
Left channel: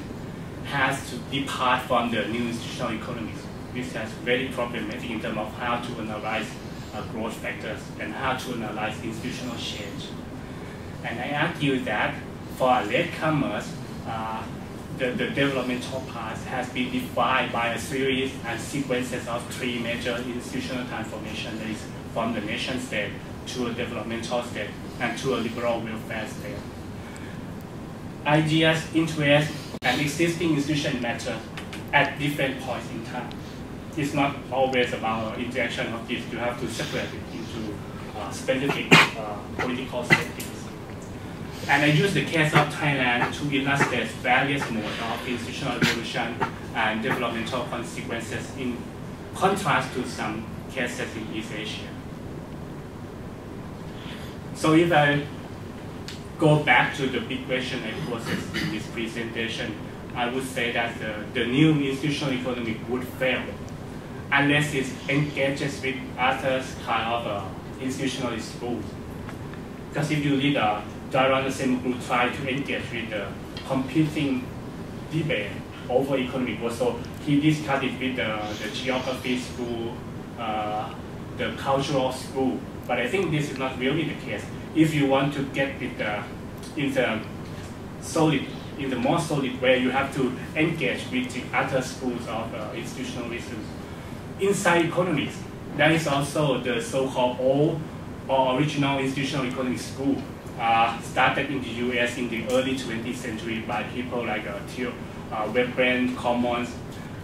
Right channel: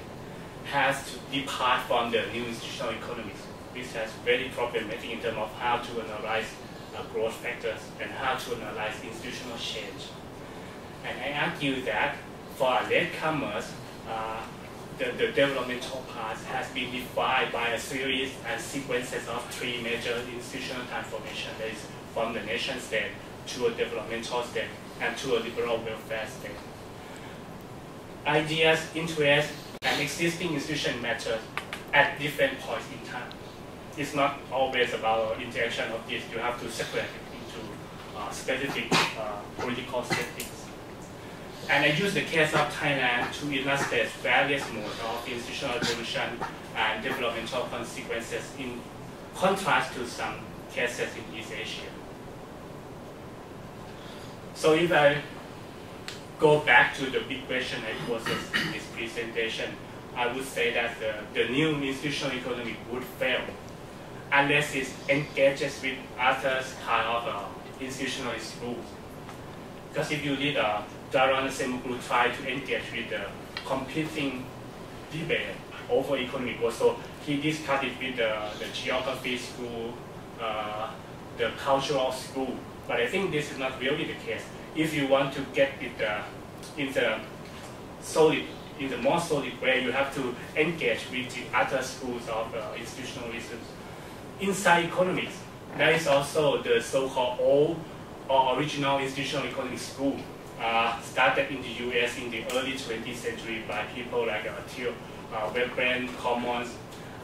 has to depart from the new institutional economics, which is very problematic in terms of how to analyze growth factors and how to analyze institutional change. And I argue that for latecomers, the developmental path has been defined by a series and sequences of three major institutional transformations, that is from the nation state to a developmental state and to a liberal welfare state. Ideas, interests, and existing institutions matter at different points in time. It's not always about interaction of this. You have to separate it into specific political settings. And I use the case of Thailand to illustrate various modes of institutional evolution and developmental consequences in contrast to some cases in East Asia. So if I go back to the big question I posed in this presentation, I would say that the new institutional economy would fail unless it engages with other kind of institutionalist rules. Because if you read Daron Semuglu try to engage with the competing debate over economic growth. So he discussed it with the geography school, the cultural school. But I think this is not really the case. If you want to get it in the more solid way, you have to engage with the other schools of institutionalism. Inside economics, there is also the so-called old or original institutional economics school, started in the US in the early 20th century by people like Veblen, Commons,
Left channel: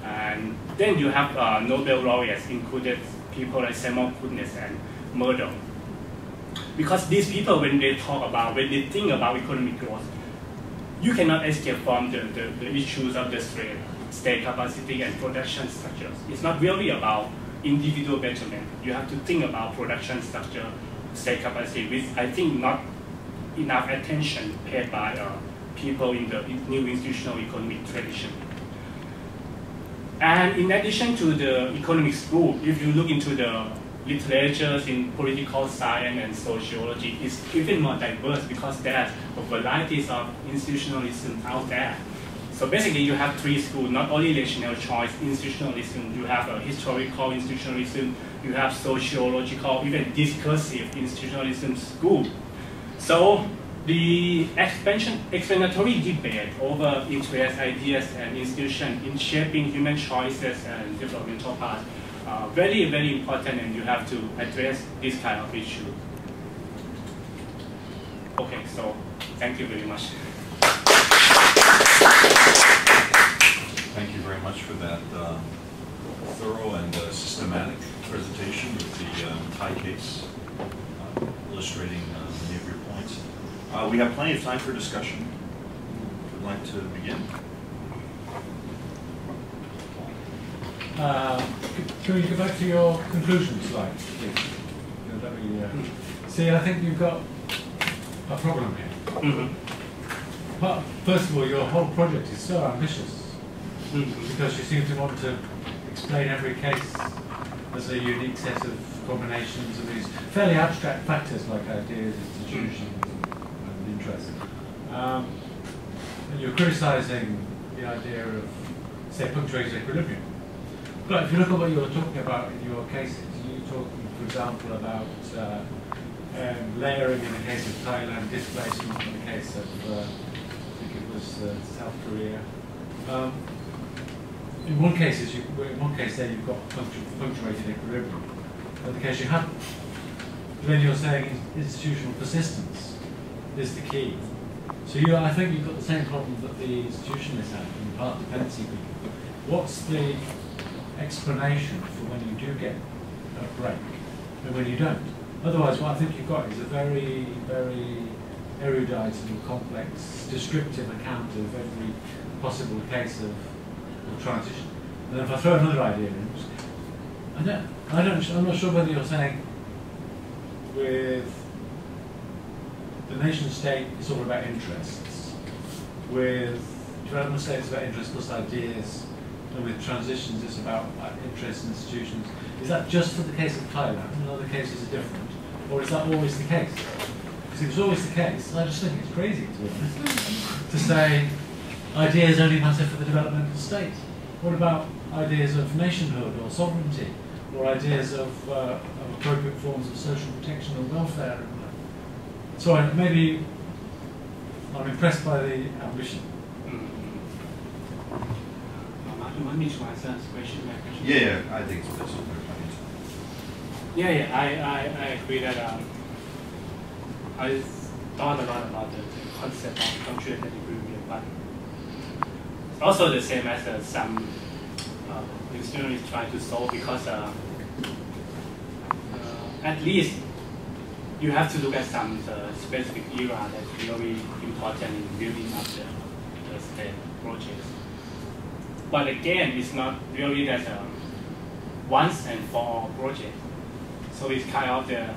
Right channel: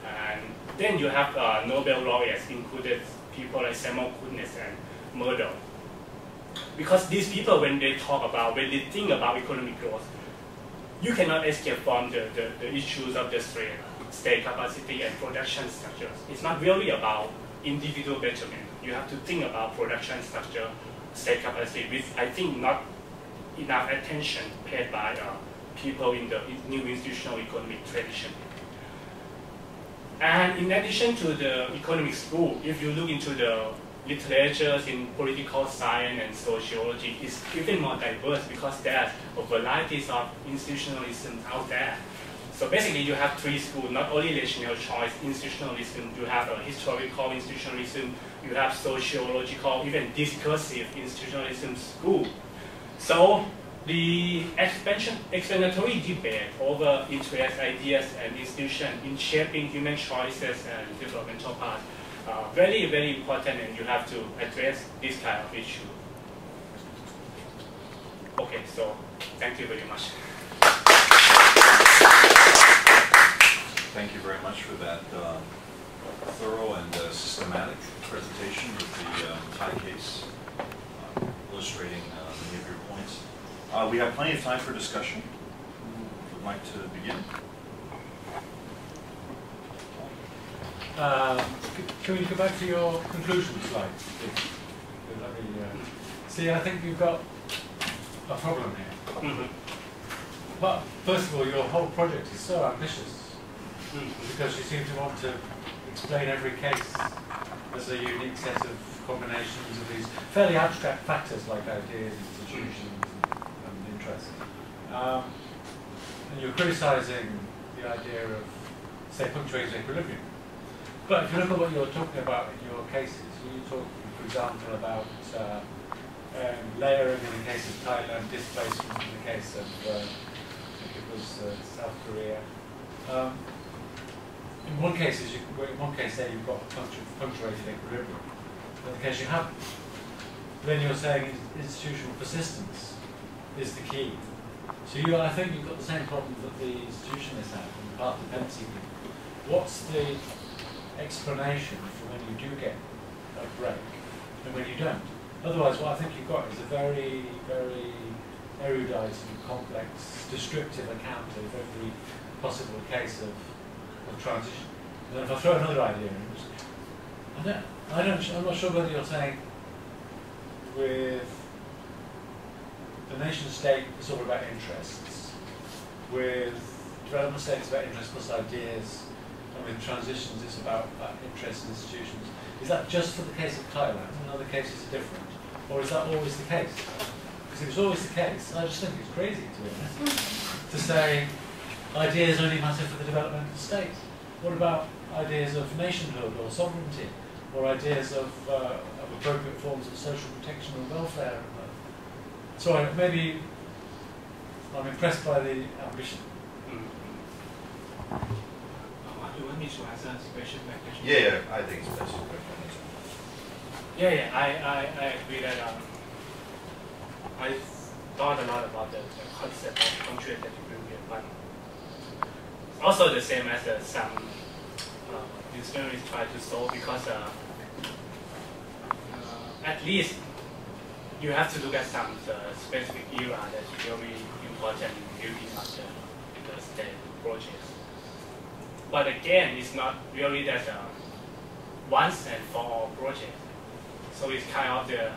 and then you have Nobel laureates, included people like Samuel Goodness and Murdoch. Because these people, when they think about economic growth, you cannot escape from the issues of the state capacity and production structures. It's not really about individual betterment. You have to think about production structure, state capacity, with I think not enough attention paid by people in the new institutional economic tradition. And in addition to the economic school, if you look into the literatures in political science and sociology, it's even more diverse because there's a varieties of institutionalism out there. So basically you have three schools, not only rational choice institutionalism, you have a historical institutionalism, you have sociological, even discursive institutionalism school. So the explanatory debate over interest, ideas, and institutions in shaping human choices and developmental paths are very, very important, and you have to address this kind of issue. Okay, so thank you very much. Thank you very much for that thorough and systematic presentation with the Thai case, illustrating many of your points. We have plenty of time for discussion. If you'd like to begin. Can we go back to your conclusion slide, please? See, I think you've got a problem here. Mm-hmm. But first of all, your whole project is so ambitious because you seem to want to explain every case as a unique set of combinations of these fairly abstract factors like ideas, institutions, and interests. And you're criticizing the idea of, say, punctuated equilibrium. But if you look at what you're talking about in your cases, you're talking, for example, about layering in the case of Thailand, displacement in the case of, I think it was South Korea. In one case, there you've got punctuated equilibrium. In the case you haven't. Then you're saying institutional persistence is the key. So I think you've got the same problem that the institutionalists have and the part dependency people. What's the explanation for when you do get a break and when you don't? Otherwise, what I think you've got is a very, very erudite and complex, descriptive account of every possible case of transition. And then if I throw another idea in, I'm not sure whether you're saying with the nation state it's all about interests, with development state it's about interests plus ideas, and with transitions it's about interests and institutions. Is that just for the case of Thailand and other cases are different? Or is that always the case? Because if it's always the case, I just think it's crazy, to be honest, to say ideas only matter for the developmental state. What about ideas of nationhood or sovereignty, or ideas of appropriate forms of social protection and welfare? So maybe I'm impressed by the ambition. You want me to answer this question? Yeah, I think that's a good point. Yeah, I agree that I thought a lot about the concept of punctuated equilibrium, but also the same as some institutionalists try to solve, because at least you have to look at some specific era that's really important in building up the state projects. But again, it's not really that once and for all project. So it's kind of the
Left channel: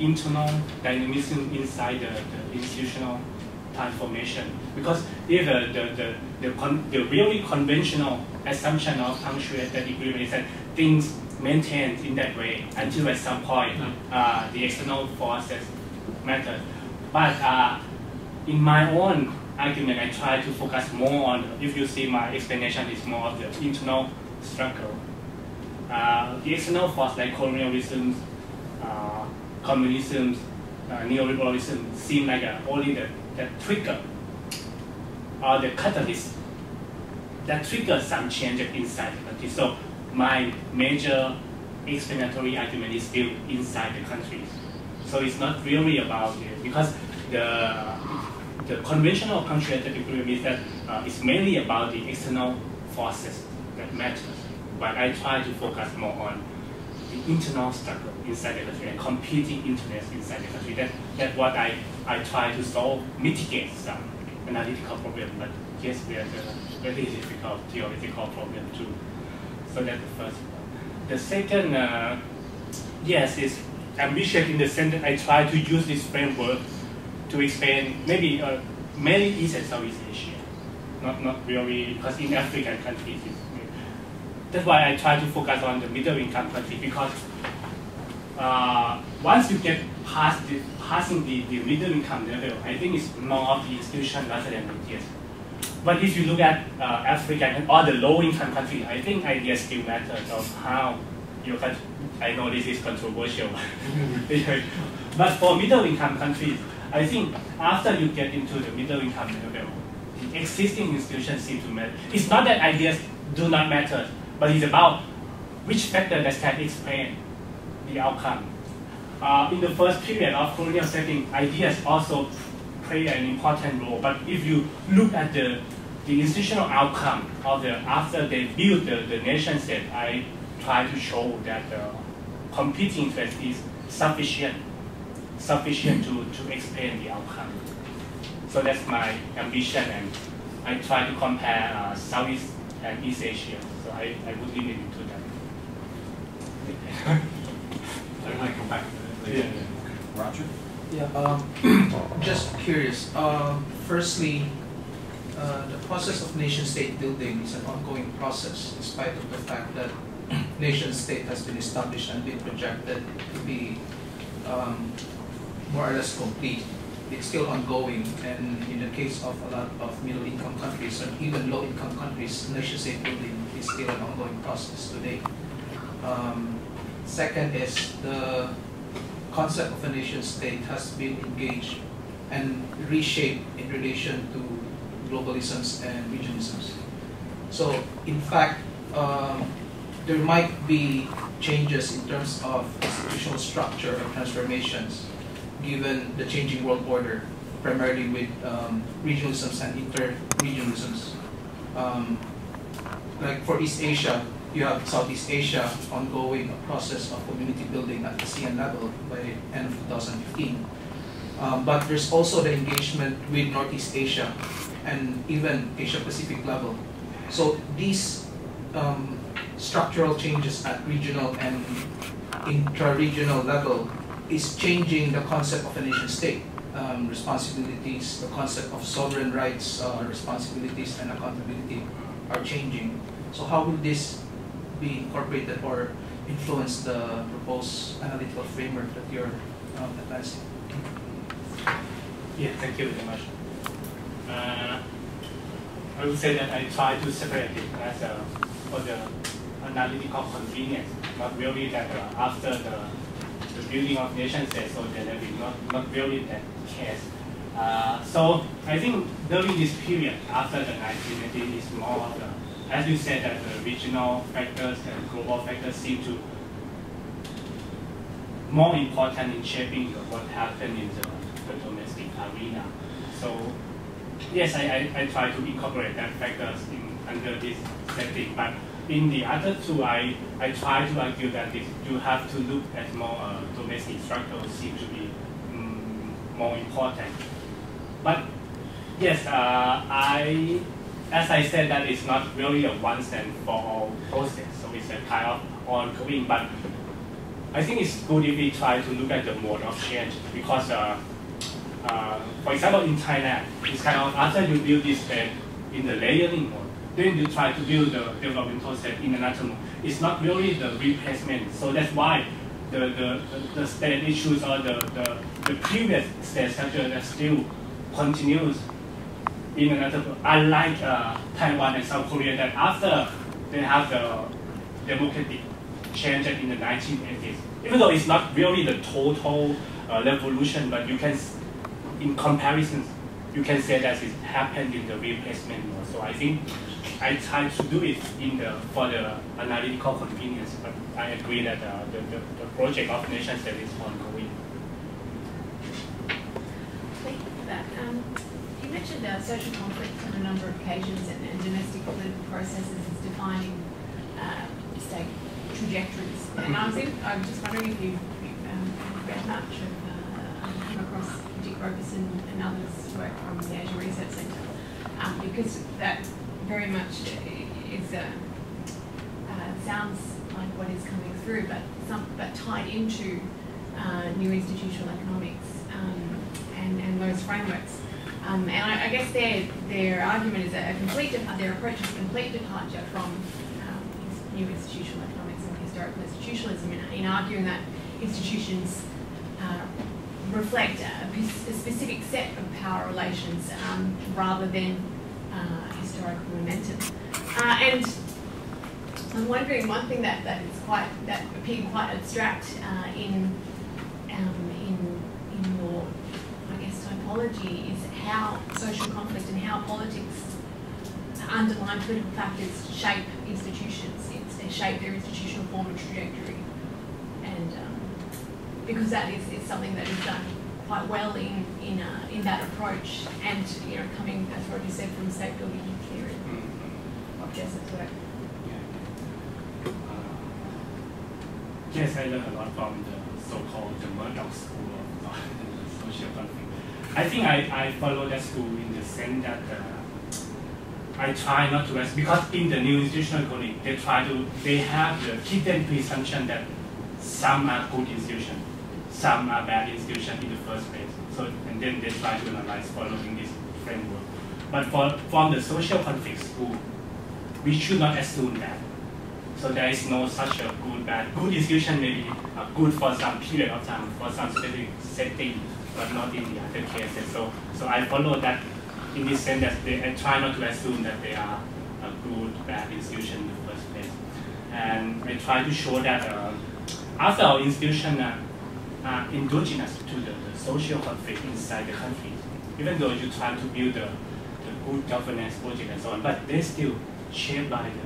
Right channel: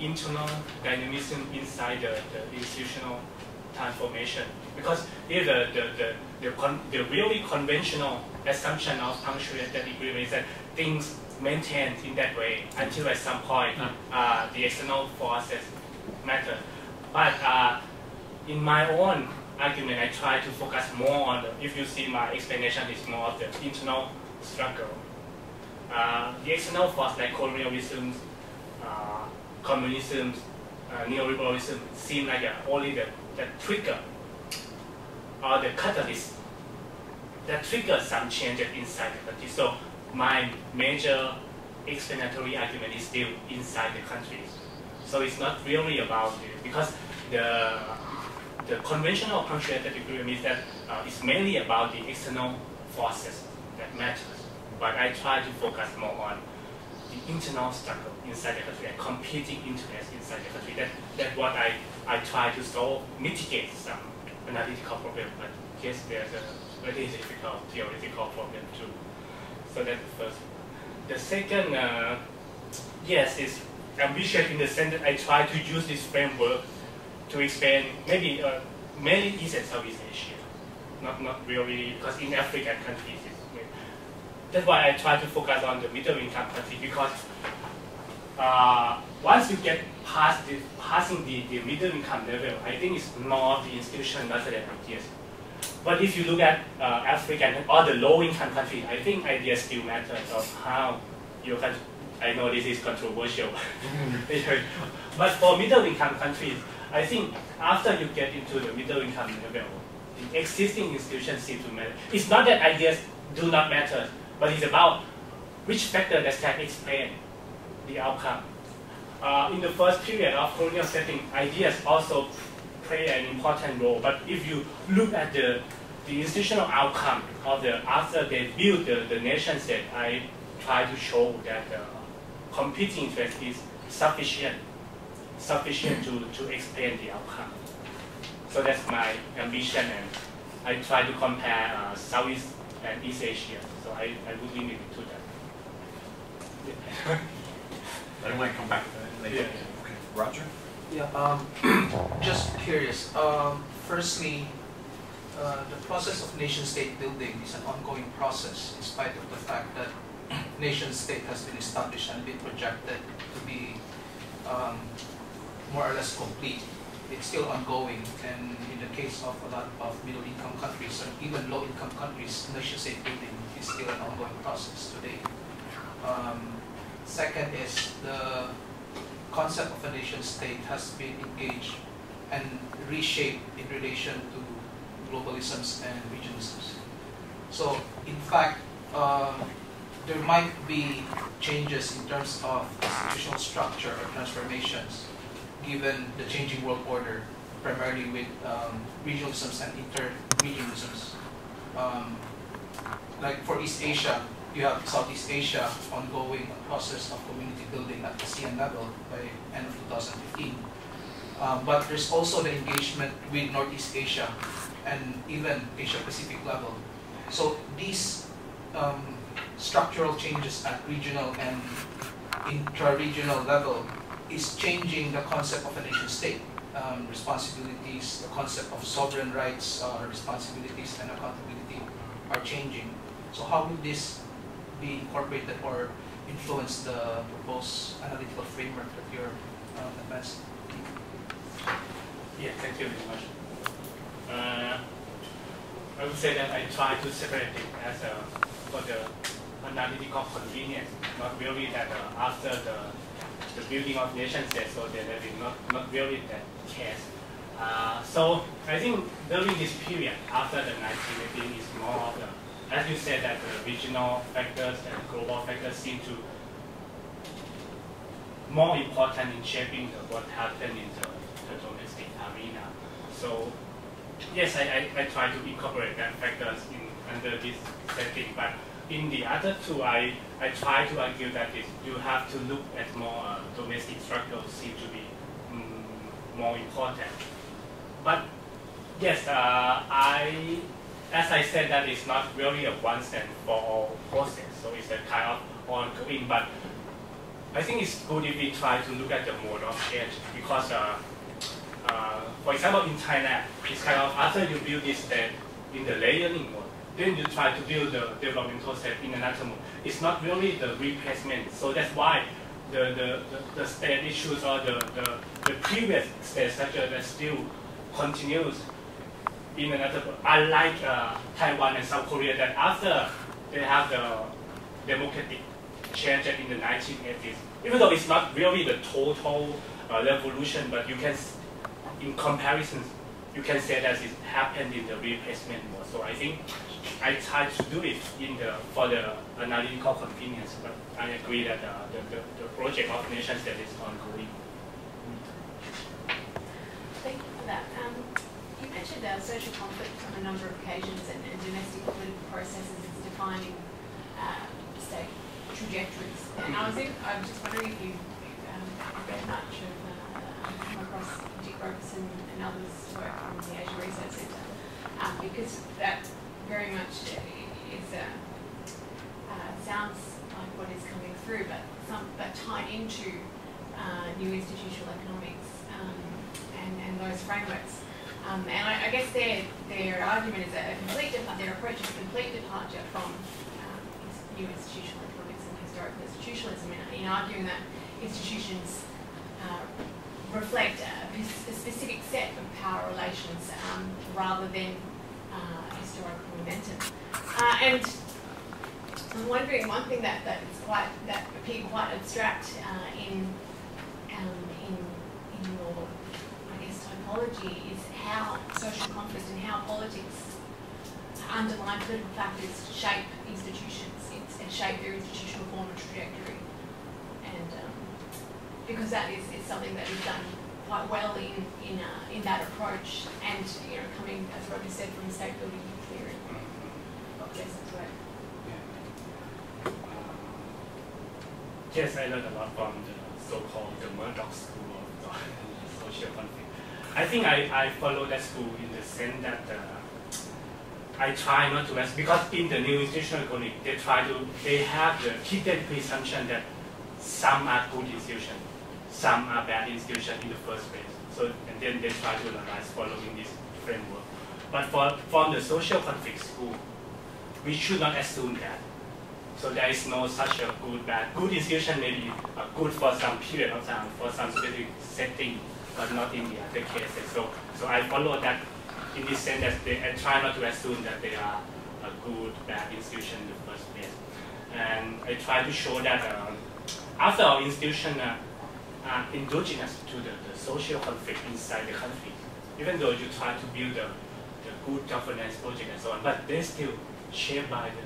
internal dynamism inside the institutional transformation. Because if the really conventional assumption of punctuated equilibrium is that things maintained in that way until at some point the external forces matter. But in my own argument, I try to focus more on, if you see my explanation is more of the internal struggle. the external force like colonialism, communism, neoliberalism seem like only the trigger or the catalyst that triggers some change inside the country. So my major explanatory argument is still inside the country. So it's not really about it, because the conventional patriarchal equilibrium is that it's mainly about the external forces that matter. But I try to focus more on the internal struggle inside the country and competing interests inside the country. That's what I try to solve, mitigate some analytical problem. But yes, there's a very difficult theoretical problem too. So that's the first one. The second, yes, is ambitious in the sense that I try to use this framework to explain maybe mainly East and Southeast Asia, not really, because in African countries, that's why I try to focus on the middle income country, because once you get passing the middle income level, I think it's more of the institution rather than ideas. But if you look at African or the low income country, I think ideas still matter of how you can. I know this is controversial, but for middle income countries, I think after you get into the middle income level, the existing institutions seem to matter. It's not that ideas do not matter, but it's about which factor that can explain the outcome. In the first period of colonial setting, ideas also play an important role. But if you look at the institutional outcome of after they build the nation state, I try to show that competing interest is sufficient to explain the outcome. So that's my ambition, and I try to compare Southeast and East Asia. So I would limit it to that. I might come back. Yeah. Roger? Yeah, just curious. Firstly, the process of nation-state building is an ongoing process, in spite of the fact that nation-state has been established and been projected to be more or less complete. It's still ongoing, and in the case of a lot of middle-income countries and even low-income countries, nation-state building is still an ongoing process today. Second is the concept of a nation-state has been engaged and reshaped in relation to globalisms and regionalisms. So, in fact, there might be changes in terms of institutional structure or transformations given the changing world order, primarily with regionalisms and inter-regionalisms. Like for East Asia, you have Southeast Asia ongoing a process of community building at the ASEAN level by end of 2015. But there's also the engagement with Northeast Asia and even Asia Pacific level. So these structural changes at regional and intra-regional level is changing the concept of a nation state. Responsibilities, the concept of sovereign rights, responsibilities and accountability are changing. So how will this be incorporated or influence the proposed analytical framework that you're advancing? Yeah, thank you very much. I would say that I try to separate it as for the analytical convenience, not really that after the building of nation state, so that will be not really that case. So I think during this period, after the 1980s, is more of the, as you said, that the regional factors and global factors seem to more important in shaping what happened in the domestic arena. So yes, I try to incorporate that factors under this setting, but in the other two, I try to argue that you have to look at more domestic structures seem to be more important. But yes, as I said, that it's not really a once and for all process, so it's a kind of ongoing. But I think it's good if we try to look at the mode of change, because for example, in Thailand, it's kind of after you build this state in the layering mode, then you try to build the developmental state in another mode. It's not really the replacement. So that's why the state issues or the previous state structure that still continues in another mode. Unlike Taiwan and South Korea, that after they have the democratic changed in the 1980s. Even though it's not really the total revolution, but you can, in comparison, you can say that it happened in the replacement mode. So I think I tried to do it for the analytical convenience, but I agree that the project of nation state is ongoing. Thank you for that. You mentioned social conflict on a number of occasions and domestic political processes as defining state trajectories. And I was just wondering if you've read much of, come across Dick Roberson and others' work from the Asia Research Centre, because that very much sounds like what is coming through, but tied into new institutional economics and those frameworks. And I guess their argument is their approach is a complete departure from new institutional economics and historical institutionalism in arguing that institutions reflect a specific set of power relations rather than historical momentum. And I'm wondering, one thing that appeared quite abstract in your, I guess, typology is how social conflict and how politics, underlying political factors, shape institutions, shape their institutional form and trajectory. And because that is something that is done quite well in that approach, and coming, as Roger said, from state building theory of Jessup work. Yes, I learned a lot from the so-called the Murdoch school of social conflict. I think I follow that school in the sense that I try not to ask, because in the new institutional economy, they have the hidden presumption that some are good institutions, some are bad institutions in the first place. So, and then they try to analyze following this framework. But from the social conflict school, we should not assume that. So there is no such a good, bad. Good institution may be good for some period of time, for some specific setting, but not in the other cases. So I follow that in this sense that I try not to assume that they are a good, bad institution in the first place. And I try to show that after our institutions are endogenous to the social conflict inside the country, even though you try to build the good governance project and so on, but they're still shaped by the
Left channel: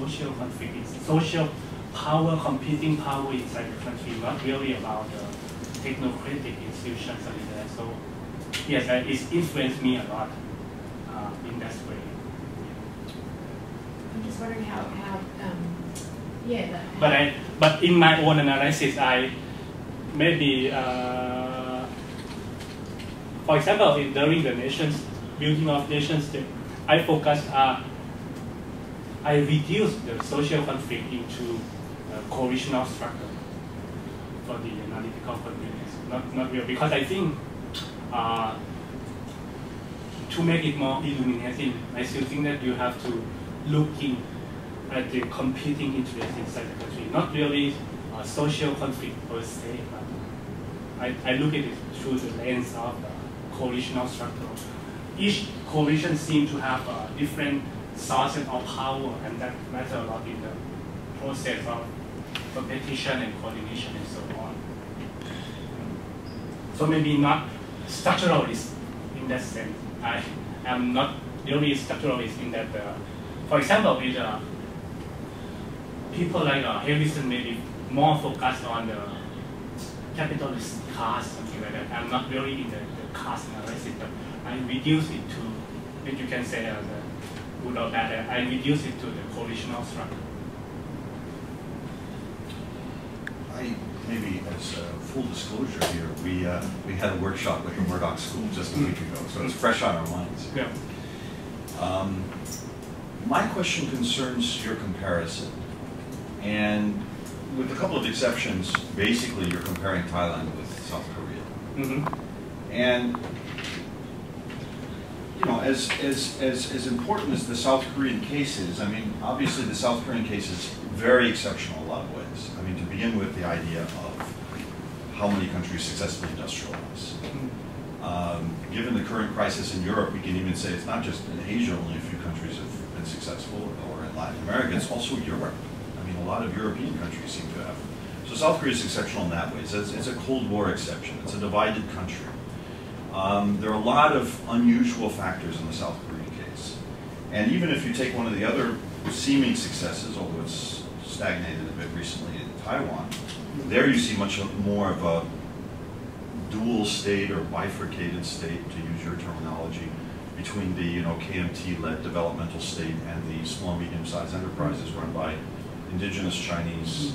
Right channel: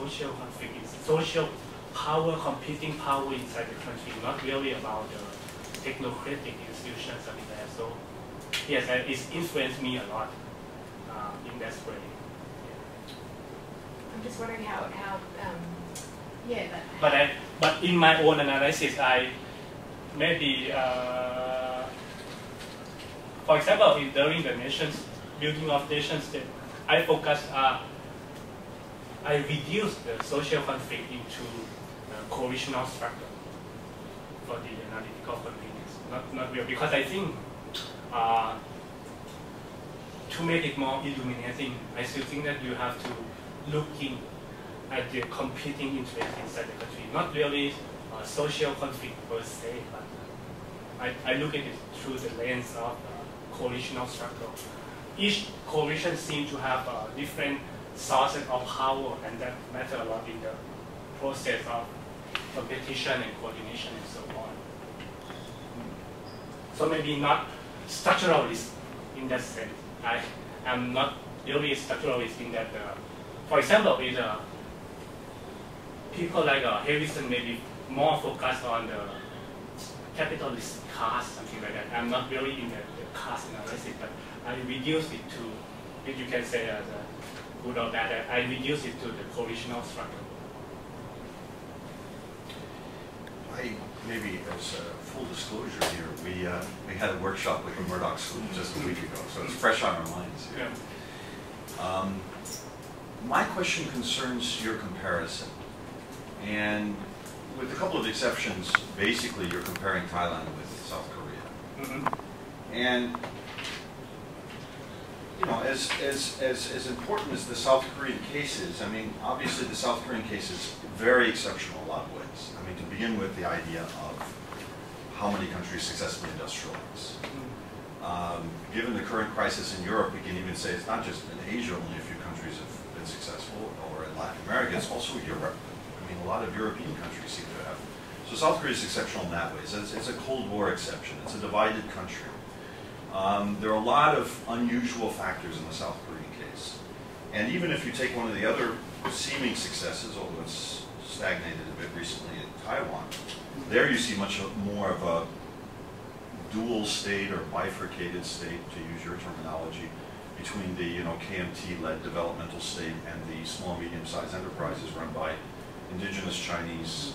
social conflict. It's social power, competing power inside the country, not really about the technocratic institutions or like that. So yes, it's influenced me a lot in that way. I'm just wondering how But in my own analysis, I maybe, for example, during the building of nation state, I focused, I reduced the social conflict into a coalitional structure for the analytical convenience. Not real, because I think to make it more illuminating, I still think that you have to look at the competing interests inside the country, not really social conflict per se, but I look at it through the lens of coalitional structure. Each coalition seems to have different sources of power, and that matters a lot in the process of competition and coordination and so on. So maybe not structuralist in that sense. I am not really structuralist in that, for example, with people like Harrison maybe more focused on the capitalist caste, something like that. I'm not really in the caste analysis, but I reduce it to, which you can say good or bad, I reduce it to the coalitional structure. Maybe as full disclosure here, we had a workshop like a Murdoch school just a week ago, so it's fresh on our minds. Yeah. My question concerns your comparison, and with a couple of exceptions, basically you're comparing Thailand with South Korea. Mm-hmm. And as important as the South Korean case is, I mean, obviously the South Korean case is very exceptional in a lot of ways. I mean, to begin with, the idea of how many countries successfully industrialize. Given the current crisis in Europe, we can even say it's not just in Asia, only a few countries have been successful, or in Latin America, it's also Europe. I mean, a lot of European countries seem to have. So South Korea is exceptional in that way. It's a Cold War exception. It's a divided country. There are a lot of unusual factors in the South Korean case. And even if you take one of the other seeming successes, although it's stagnated a bit recently in Taiwan, there you see much more of a dual state or bifurcated state, to use your terminology, between the KMT-led developmental state and the small and medium-sized enterprises run by indigenous Taiwanese,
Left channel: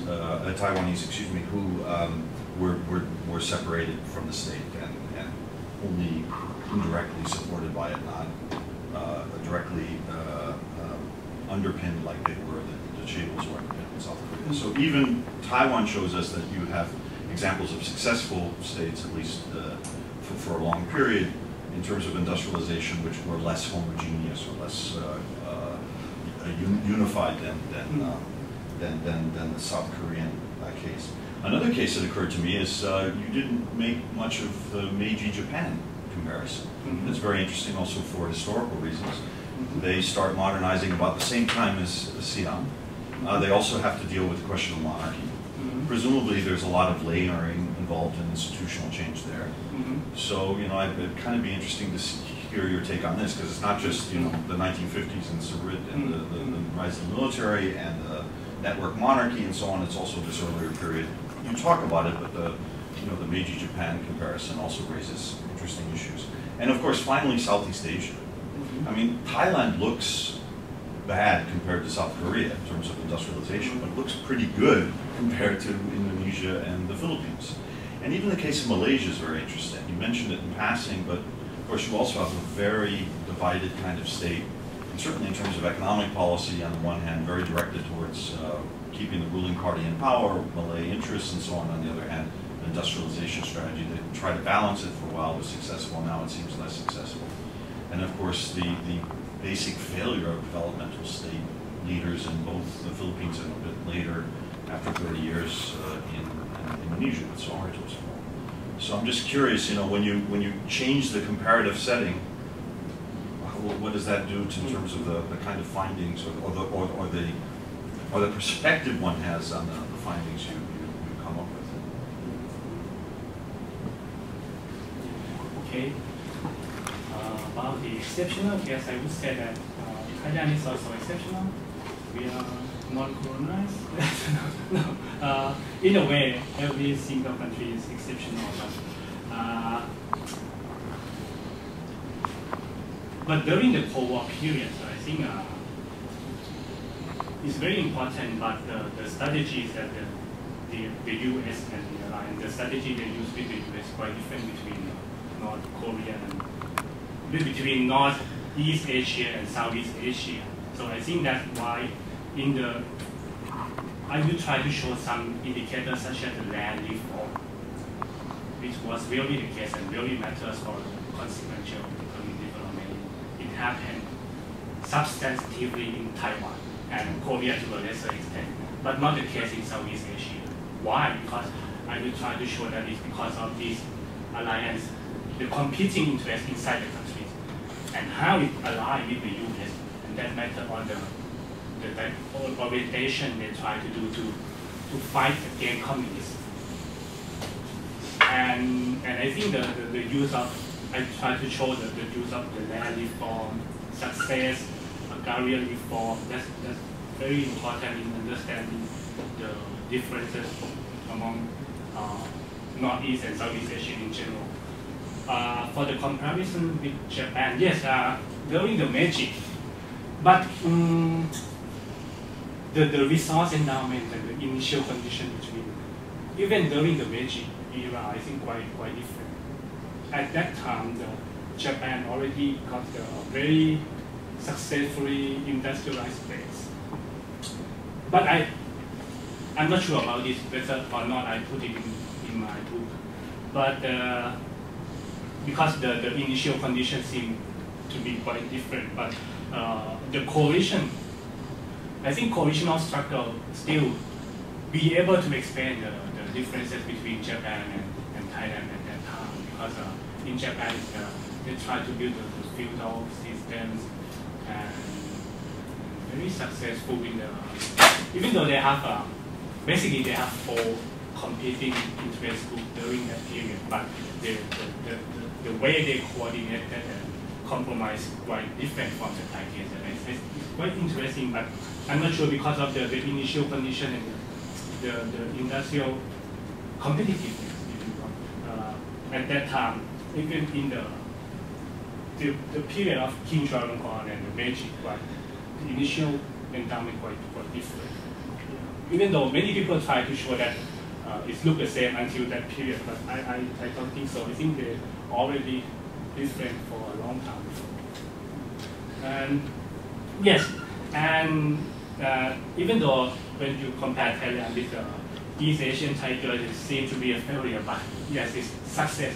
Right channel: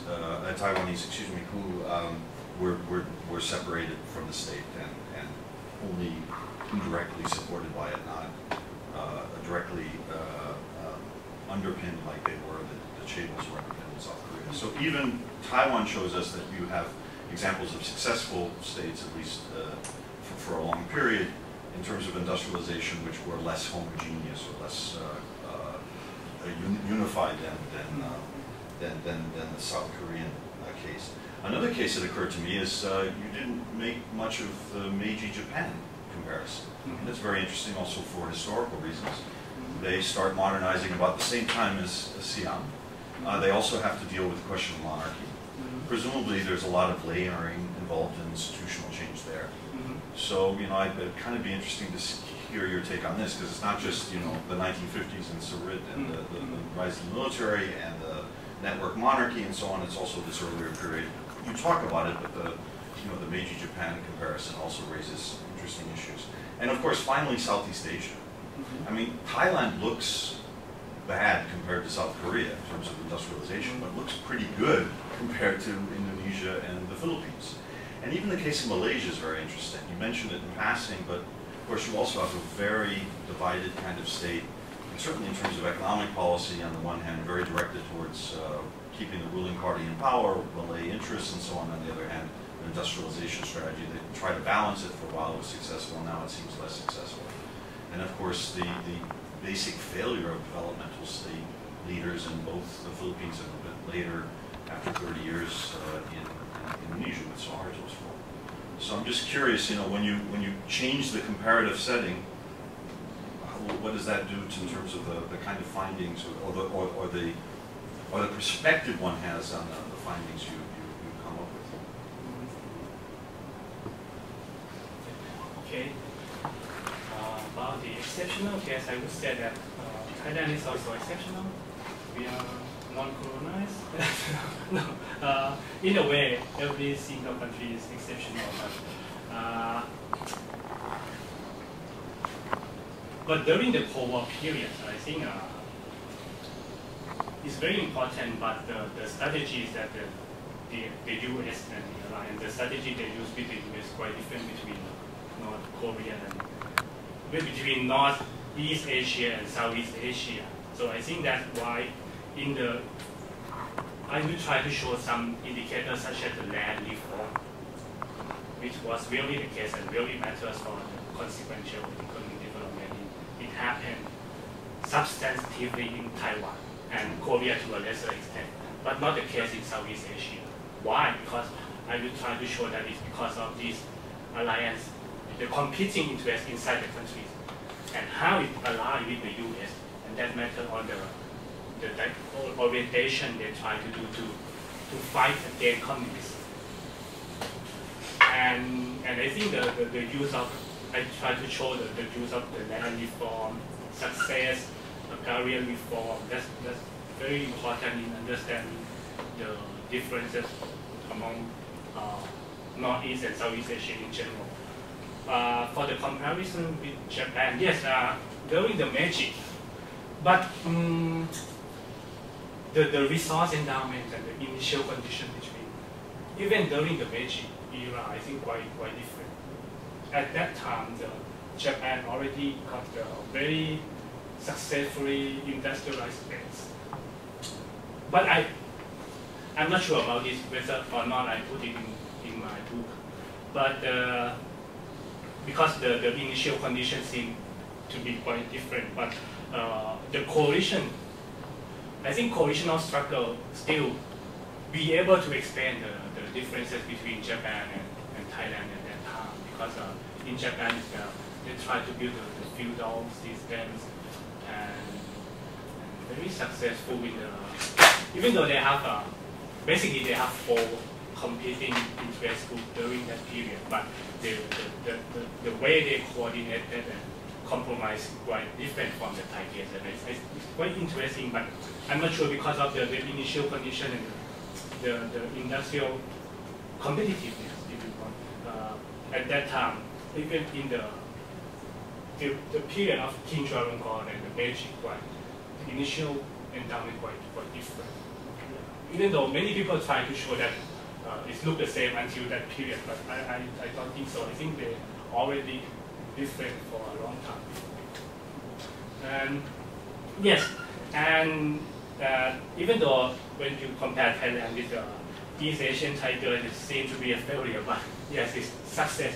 who were separated from the state and only indirectly supported by it, not directly underpinned like they were, the Chaebol were in South Korea. So even Taiwan shows us that you have examples of successful states, at least for a long period, in terms of industrialization, which were less homogeneous or less unified than the South Korean case. Another case that occurred to me is you didn't make much of the Meiji-Japan comparison. Mm-hmm. That's very interesting also for historical reasons. They start modernizing about the same time as Siam. They also have to deal with the question of monarchy. Mm-hmm. Presumably there's a lot of layering involved in institutional change there. Mm-hmm. So, it'd kind of be interesting to hear your take on this, because it's not just, the 1950s and Surit and the rise of the military and the network monarchy and so on. It's also this earlier period. You talk about it, but the Meiji-Japan comparison also raises interesting issues. And of course, finally, Southeast Asia. Mm-hmm. I mean, Thailand looks bad compared to South Korea in terms of industrialization, but looks pretty good compared to Indonesia and the Philippines. And even the case of Malaysia is very interesting. You mentioned it in passing, but of course you also have a very divided kind of state, and certainly in terms of economic policy on the one hand, very directed towards keeping the ruling party in power, Malay interests and so on the other hand, the industrialization strategy. They tried to balance it for a while, it was successful, now it seems less successful. And of course the basic failure of developmental state leaders in both the Philippines and a bit later, after 30 years in Indonesia with Suharto's fall. So I'm just curious, when you change the comparative setting, what does that do in terms of the kind of findings or the perspective one has on the findings you come up with? Okay. About the exceptional case, I would say that Thailand is also exceptional. We are non-colonized. No. In a way, every single country is exceptional. But during the Cold War period, I think it's very important. But the strategies that the U.S. and the alliance, the strategy they use with the U.S. is quite different between North Korea and between Northeast Asia and Southeast Asia. So I think that's why I will try to show some indicators such as the land reform, which was really the case and really matters for the consequential economic development. It happened substantively in Taiwan and Korea to a lesser extent, but not the case in Southeast Asia. Why? Because I will try to show that it's because of this alliance, the competing interests inside the countries, and how it aligns with the U.S. and that matter on the orientation they try to do to fight against communists. And I think the use of, I try to show the use of the land reform, success, agrarian reform, that's very important in understanding the differences among Northeast and Southeast Asia in general. For the comparison with Japan, yes, during the Meiji, but the resource endowment and the initial condition between, even during the Meiji era, I think quite different. At that time, Japan already got a very successfully industrialized base. But I'm not sure about this, whether or not I put it in my book. But because the initial conditions seem to be quite different, but the coalition, I think coalitional struggle still be able to explain the differences between Japan and Thailand at that time, because in Japan they try to build the feudal systems and very successful in the, even though they have, basically they have 4 competing interest groups during that period, but the way they coordinated and compromise quite different from the Thai case. And it's quite interesting, but I'm not sure because of the initial condition and the industrial competitiveness, if you want. At that time, even in the period of Kanchoochat and the Meiji, the initial endowment quite different. Even though many people try to show that it looked the same until that period, but I don't think so. I think they're already different for a long time before. And yes, and even though when you compare Thailand with the East Asian Tigers, it seems to be a failure, but yes, it's success.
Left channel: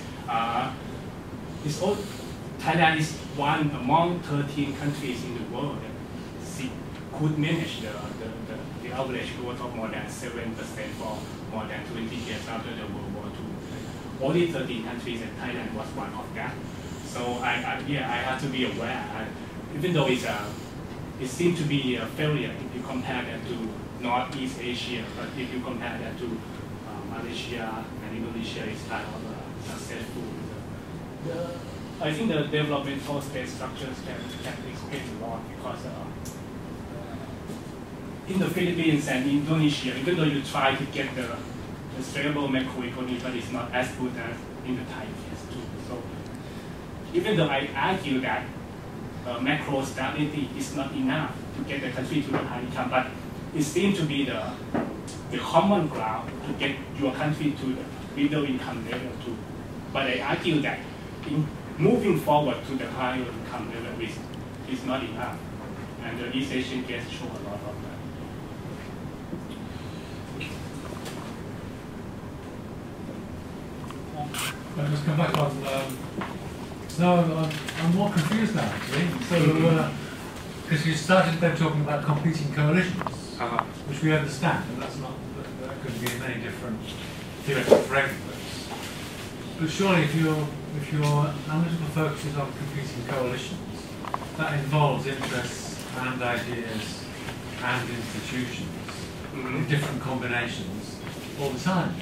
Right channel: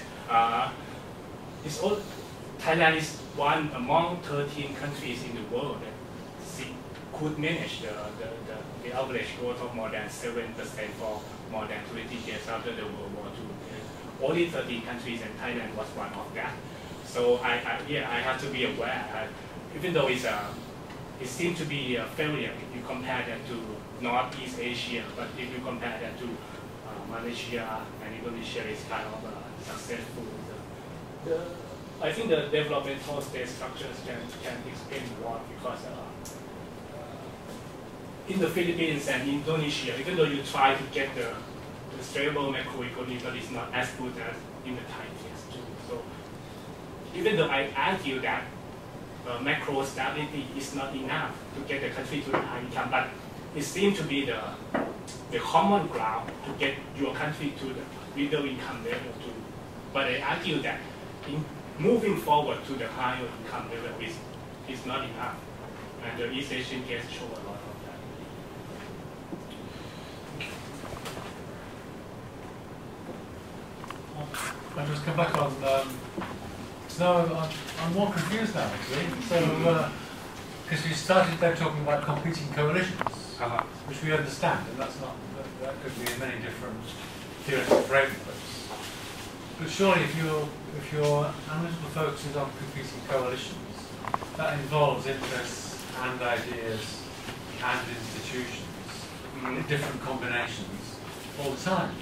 Thailand is one among 13 countries in the world that could manage the average growth of more than 7% for more than 20 years after the World War II. Only 13 countries, and Thailand was one of that. So I have to be aware. Even though it seems to be a failure if you compare that to Northeast Asia, but if you compare that to Malaysia and Indonesia, it's kind of successful. I think the developmental state structures can explain a lot because in the Philippines and Indonesia, even though you try to get the stable macroeconomy, but it's not as good as in the Thai case too. So even though I argue that macro stability is not enough to get the country to the high income, but it seems to be the common ground to get your country to the middle income level too. But I argue that in moving forward to the higher income level is not enough. And the East Asian case show a lot of that. I'll just come back on. No, I'm more confused now actually. So, because you started then talking about competing coalitions, which we understand, and that could be in many different theoretical frameworks. But surely, if your analytical focus is on competing coalitions, that involves interests and ideas and institutions in different combinations all the time.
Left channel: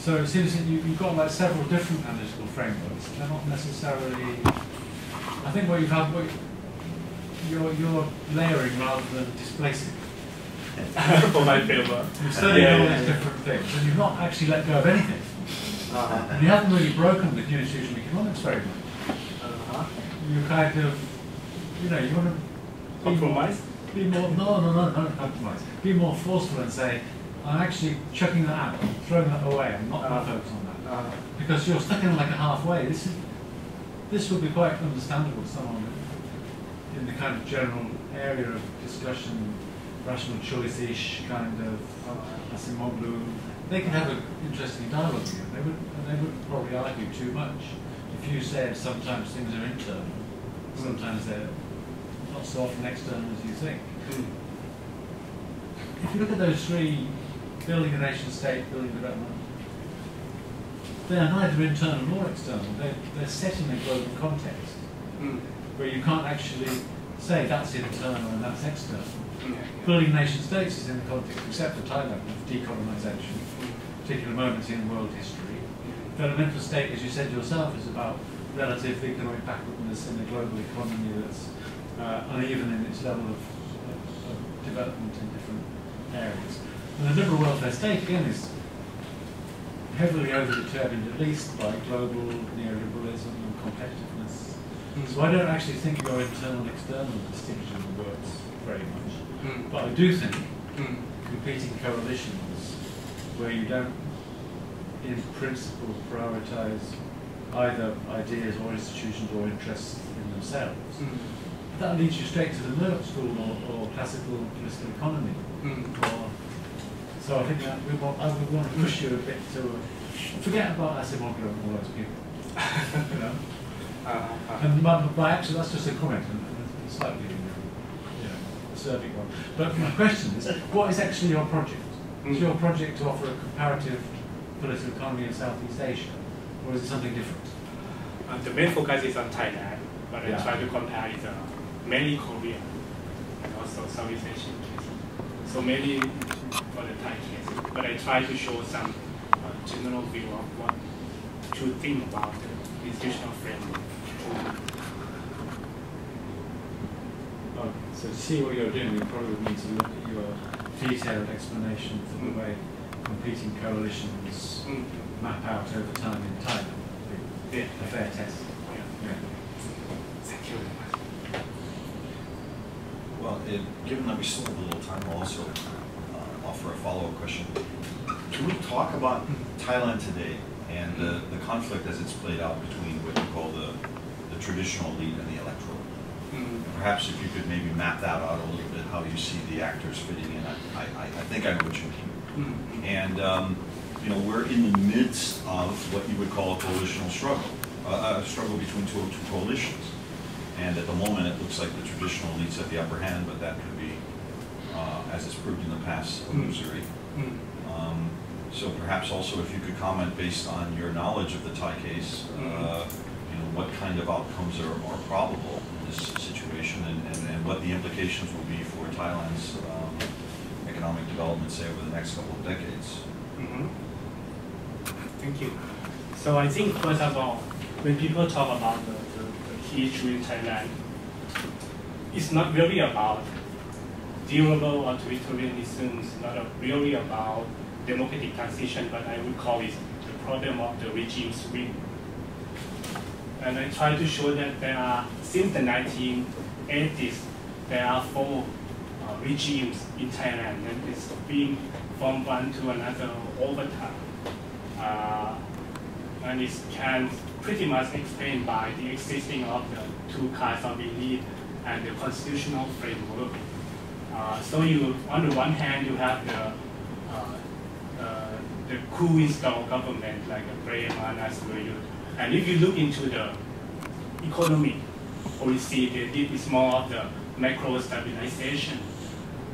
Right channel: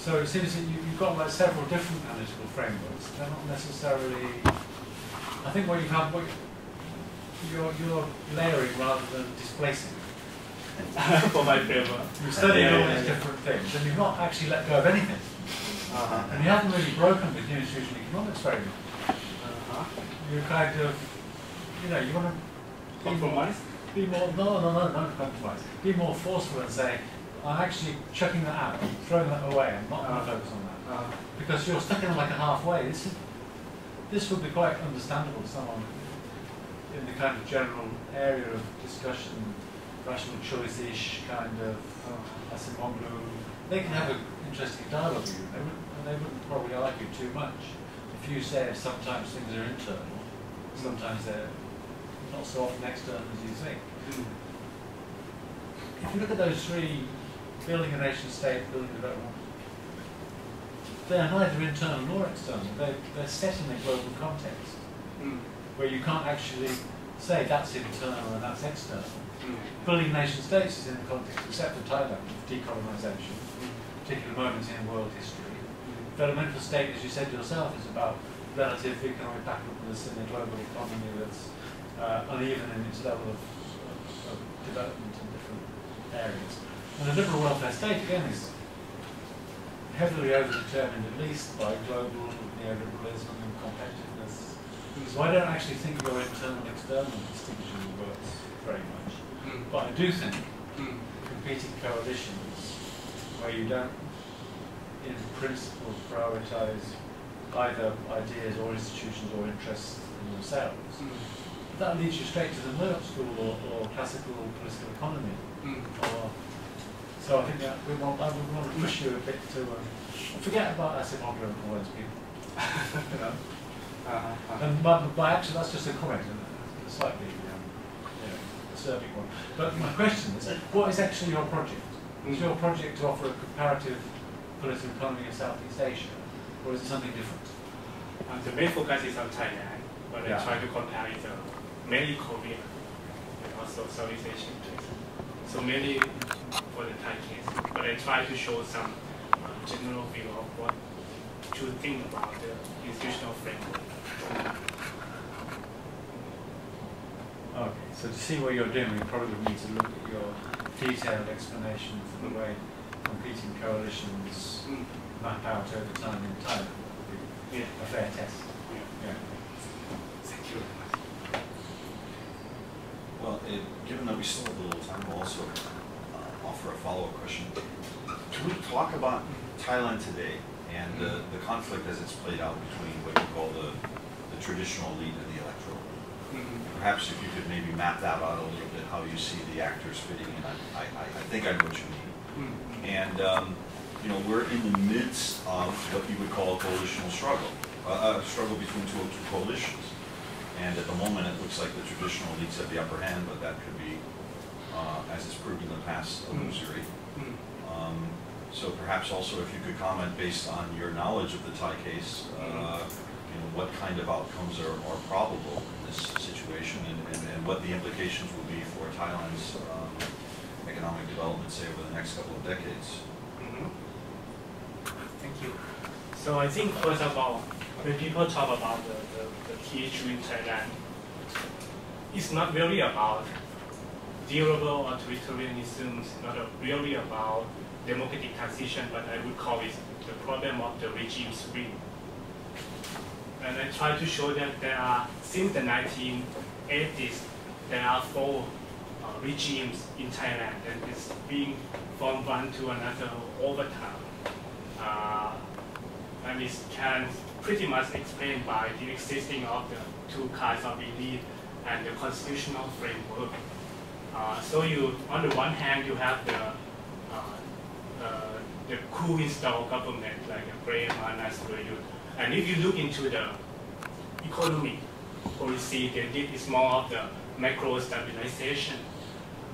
So it seems that you've got like several different analytical frameworks. They're not necessarily. I think what you're layering rather than displacing. For my paper, You're studying all these different things, and you've not actually let go of anything. And you haven't really broken with new institutional economics very much. You're kind of, you want to compromise. Be more. No, don't compromise. Be more forceful and say, I'm actually chucking that out, I'm throwing that away, I'm not going to focus on that. Because you're stuck in like a halfway. This would be quite understandable to someone in the kind of general area of discussion, rational choice-ish kind of Asimoglu. They can have an interesting dialogue with you. They wouldn't probably argue too much. If you say sometimes things are internal, sometimes they're not so often external as you think. If you look at those 3, building a nation state, building development, they are neither internal nor external. They're set in a global context where you can't actually say that's internal and that's external. Building nation states is in the context, except for Thailand, of decolonisation, particular moments in world history. Developmental state, as you said yourself, is about relative economic backwardness in a global economy that's uneven in its level of development in different areas. And the liberal welfare state, again, is heavily overdetermined, at least by global neoliberalism and competitiveness. So I don't actually think your internal-external distinction works very much. But I do think competing coalitions where you don't, in principle, prioritise either ideas or institutions or interests in themselves, that leads you straight to the Murdoch School or classical political economy. So I think that I would want to push you a bit to forget about Asimoglu and all those people. And by actually, that's just a comment, and a slightly acerbic one. But my question is, what is actually your project? Is your project to offer a comparative political economy in Southeast Asia, or is it something different? The main focus is on Thailand, but I try to compare it mainly Korea. also Southeast Asian case. So maybe for the Thai case, but I try to show some general view of what to think about the institutional framework. Okay, so to see what you're doing, we probably need to look at your detailed explanation for the way competing coalitions map out over time in Thailand. Yeah. A fair test. Yeah. Thank you. Well, given that we still have a little time, I'll also offer a follow-up question. Can we talk about Thailand today and the conflict as it's played out between what you call the traditional elite and the electoral? Perhaps if you could maybe map that out a little bit, how you see the actors fitting in. I think I know what you mean. And you know, we're in the midst of what you would call a coalitional struggle, a struggle between two coalitions. And at the moment, it looks like the traditional elites have the upper hand, but that could be, as it's proved in the past, illusory. So perhaps also if you could comment based on your knowledge of the Thai case, you know, what kind of outcomes are probable in this situation, and what the implications will be for Thailand's economic development, say, over the next couple of decades. Thank you. So I think first of all, when people talk about the key issue in Thailand, it's not really about durable authoritarianism, it's not really about democratic transition, but I would call it the problem of the regime swing. And I try to show that there are, since the 1980s, there are 4 regimes in Thailand, and it's being from one to another over time. And it can pretty much explained by the existing of the 2 kinds of elite and the constitutional framework. So you, on the one hand, you have the coup installed government like a Veerayooth. And if you look into the economic policy, they did is more of the macro stabilization.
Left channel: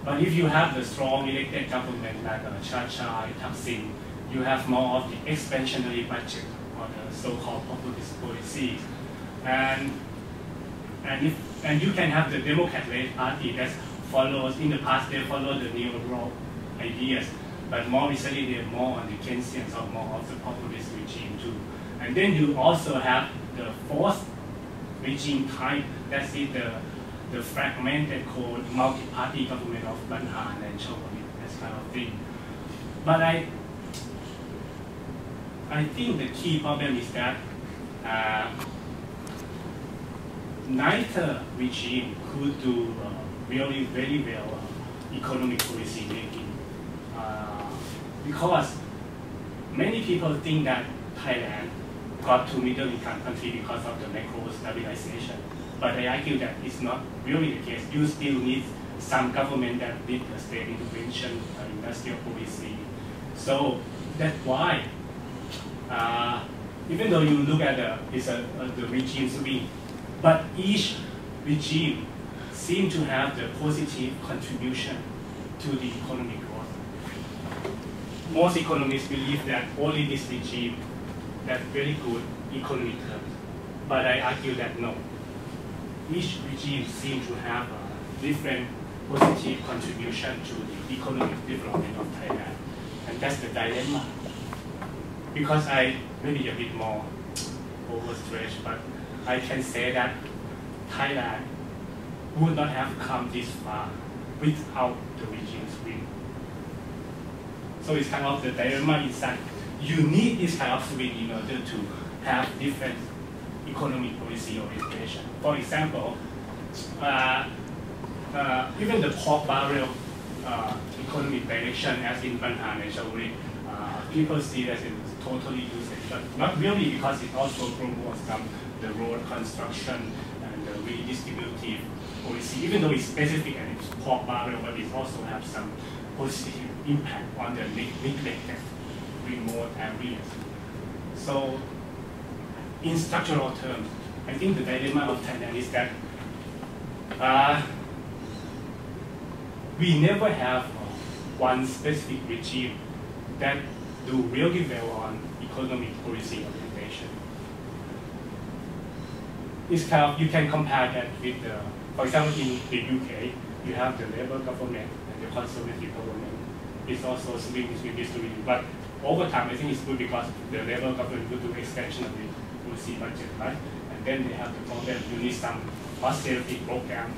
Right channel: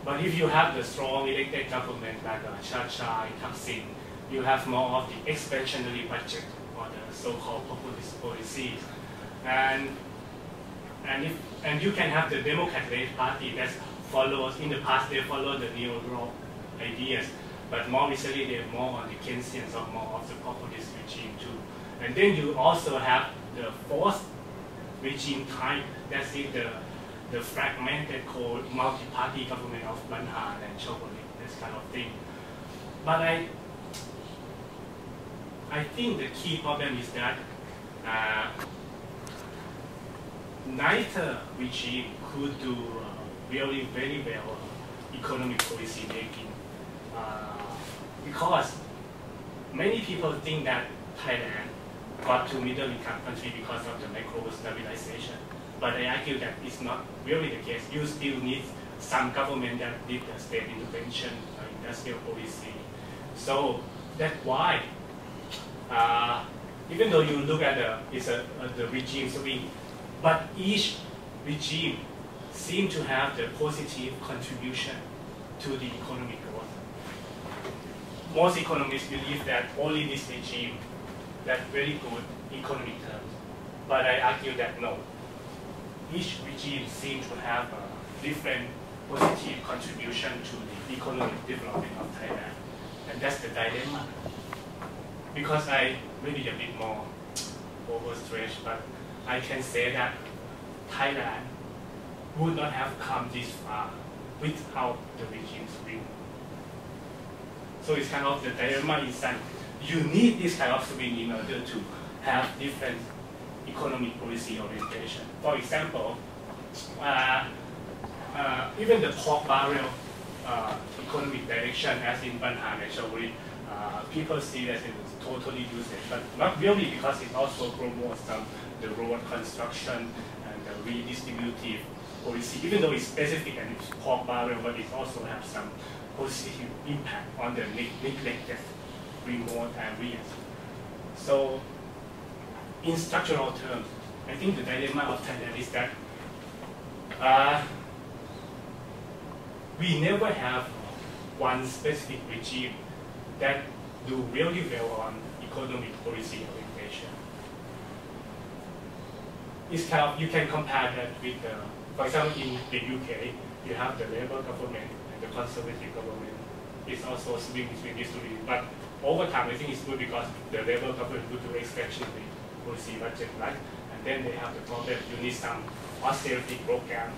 But if you have the strong elected government like Kanchoochat, Thaksin, you have more of the expansionary budget or the so-called populist policies. And you can have the Democrat-led party that follows, in the past they followed the neoliberal ideas, but more recently they're more on the Keynesian or more of the populist regime too. And then you also have the 4th regime type, that's the fragmented called multi-party government of Banhan and Chowdhury, that kind of thing. But I think the key problem is that neither regime could do really very well economic policy making, because many people think that Thailand got to middle income country because of the macro stabilization. But I argue that it's not really the case. You still need some government that did the state intervention, industrial policy. So that's why, even though you look at the regime swing, but each regime seems to have the positive contribution to the economic growth. Most economists believe that only this regime has very good economic terms, but I argue that no. Each regime seems to have a different positive contribution to the economic development of Thailand, and that's the dilemma. Because I maybe a bit more overstretched, but I can say that Thailand would not have come this far without the regime swing. So it's kind of the dilemma is that you need this kind of swing in order to have different economic policy orientation. For example, even the pork barrel economic direction as in Banhan and Chowdhury, people see that it's totally useless, but not really, because it also promotes the road construction and the redistributive policy, even though it's specific and it's pork barrel, but it also has some positive impact on the neglected remote areas. So in structural terms, I think the dilemma of Thailand is that we never have one specific regime that do really well on economic policy orientation. It's kind of, you can compare that with, for example, in the UK, you have the Labour government and the Conservative government. It's also swing between these two. But over time, I think it's good because the Labour government would do expansionary policy budget, right? And then they have the problem, you need some austerity program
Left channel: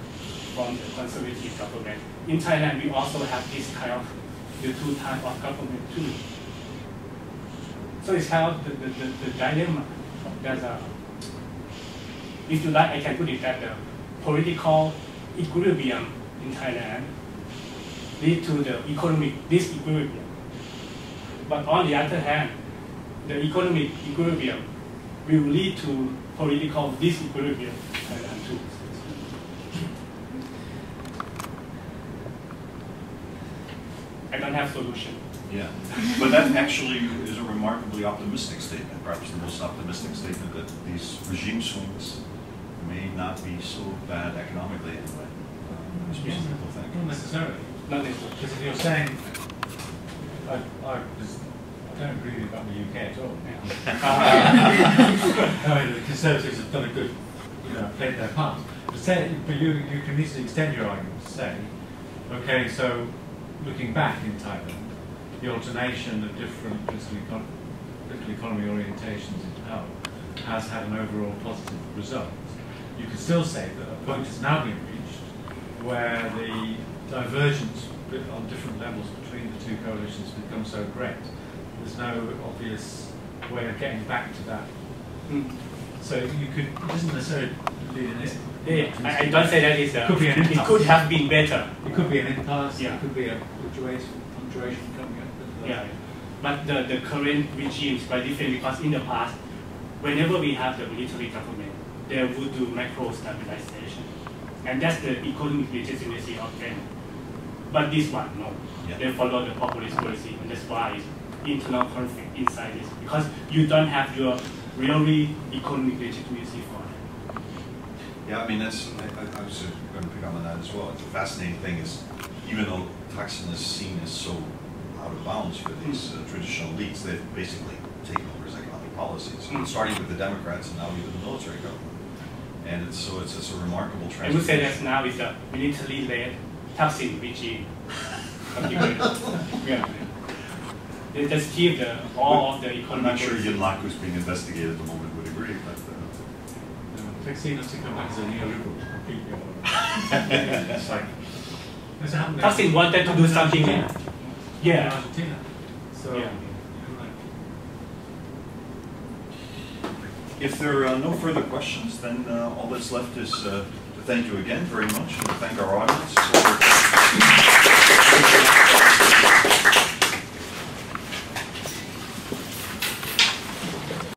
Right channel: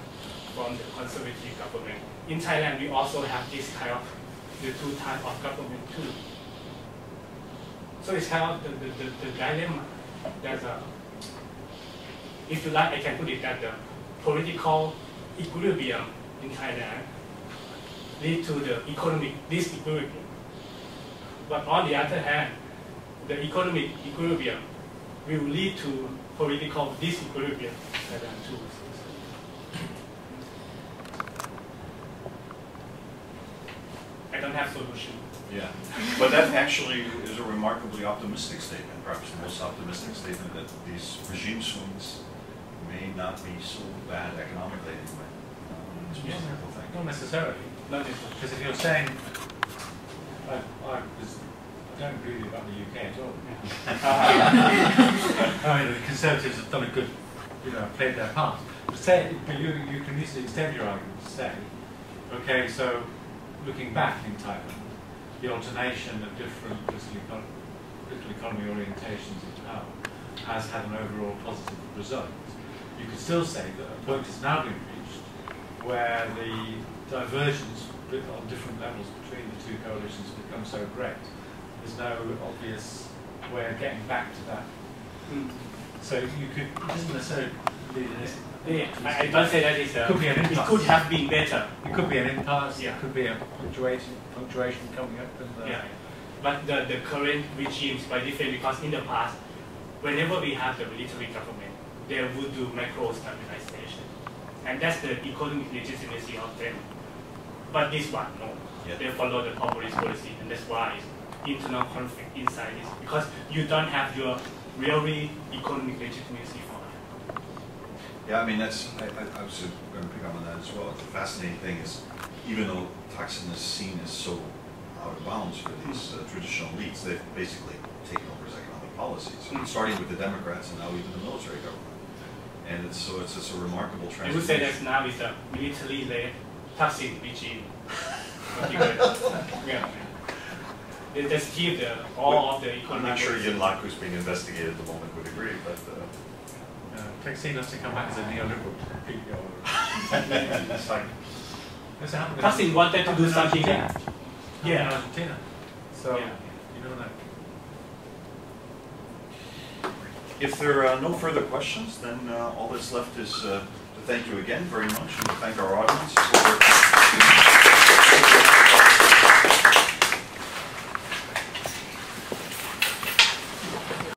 from the Conservative government. In Thailand, we also have this kind of the two types of government too. So it's kind of the dilemma. There's a, if you like, I can put it that the political equilibrium in Thailand lead to the economic disequilibrium. But on the other hand, the economic equilibrium will lead to political disequilibrium in Thailand too. I don't have solution. Yeah, but that actually is a remarkably optimistic statement, perhaps the most optimistic statement that these regime swings may not be so bad economically anyway. Yeah. Not necessarily. Not necessarily. Because if you're saying, I don't agree with you about the UK at all. I mean, the Conservatives have done a good, played their part. But you can easily extend your argument to say, okay, so looking back in Thailand, the alternation of different political economy orientations in power has had an overall positive result. You could still say that a point has now been reached where the divergence on different levels between the two coalitions become so great. There's no obvious way of getting back to that. So you could, it doesn't necessarily lead in it. I don't say that it could be an impasse. It could have been better. It could be an impasse. Yeah. It could be a fluctuation coming up. Yeah, but the current regime is quite different because in the past, whenever we have the military government, they would do macro stabilization, and that's the economic legitimacy of them. But this one, no. Yeah. They follow the populist policy, and that's why internal conflict inside this, because you don't have your really economic legitimacy for it. Yeah, I mean, I was going to pick up on that as well. The fascinating thing is, even though Thaksin is seen as so out of bounds for these traditional elites, they've basically taken over his economic policies, starting with the Democrats and now even the military government. And it's a remarkable transformation. I would say that now is a military-led Thaksin regime. Yeah. They just keep all of the economic. I'm not sure Yinlak, who's being investigated at the moment, would agree, but. Thaksin has to come back as a neoliberal to compete your. It's like. Thaksin wanted to do something. Yeah. Argentina. So, yeah. You don't know. If there are no further questions, then all that's left is to thank you again very much and to thank our audience.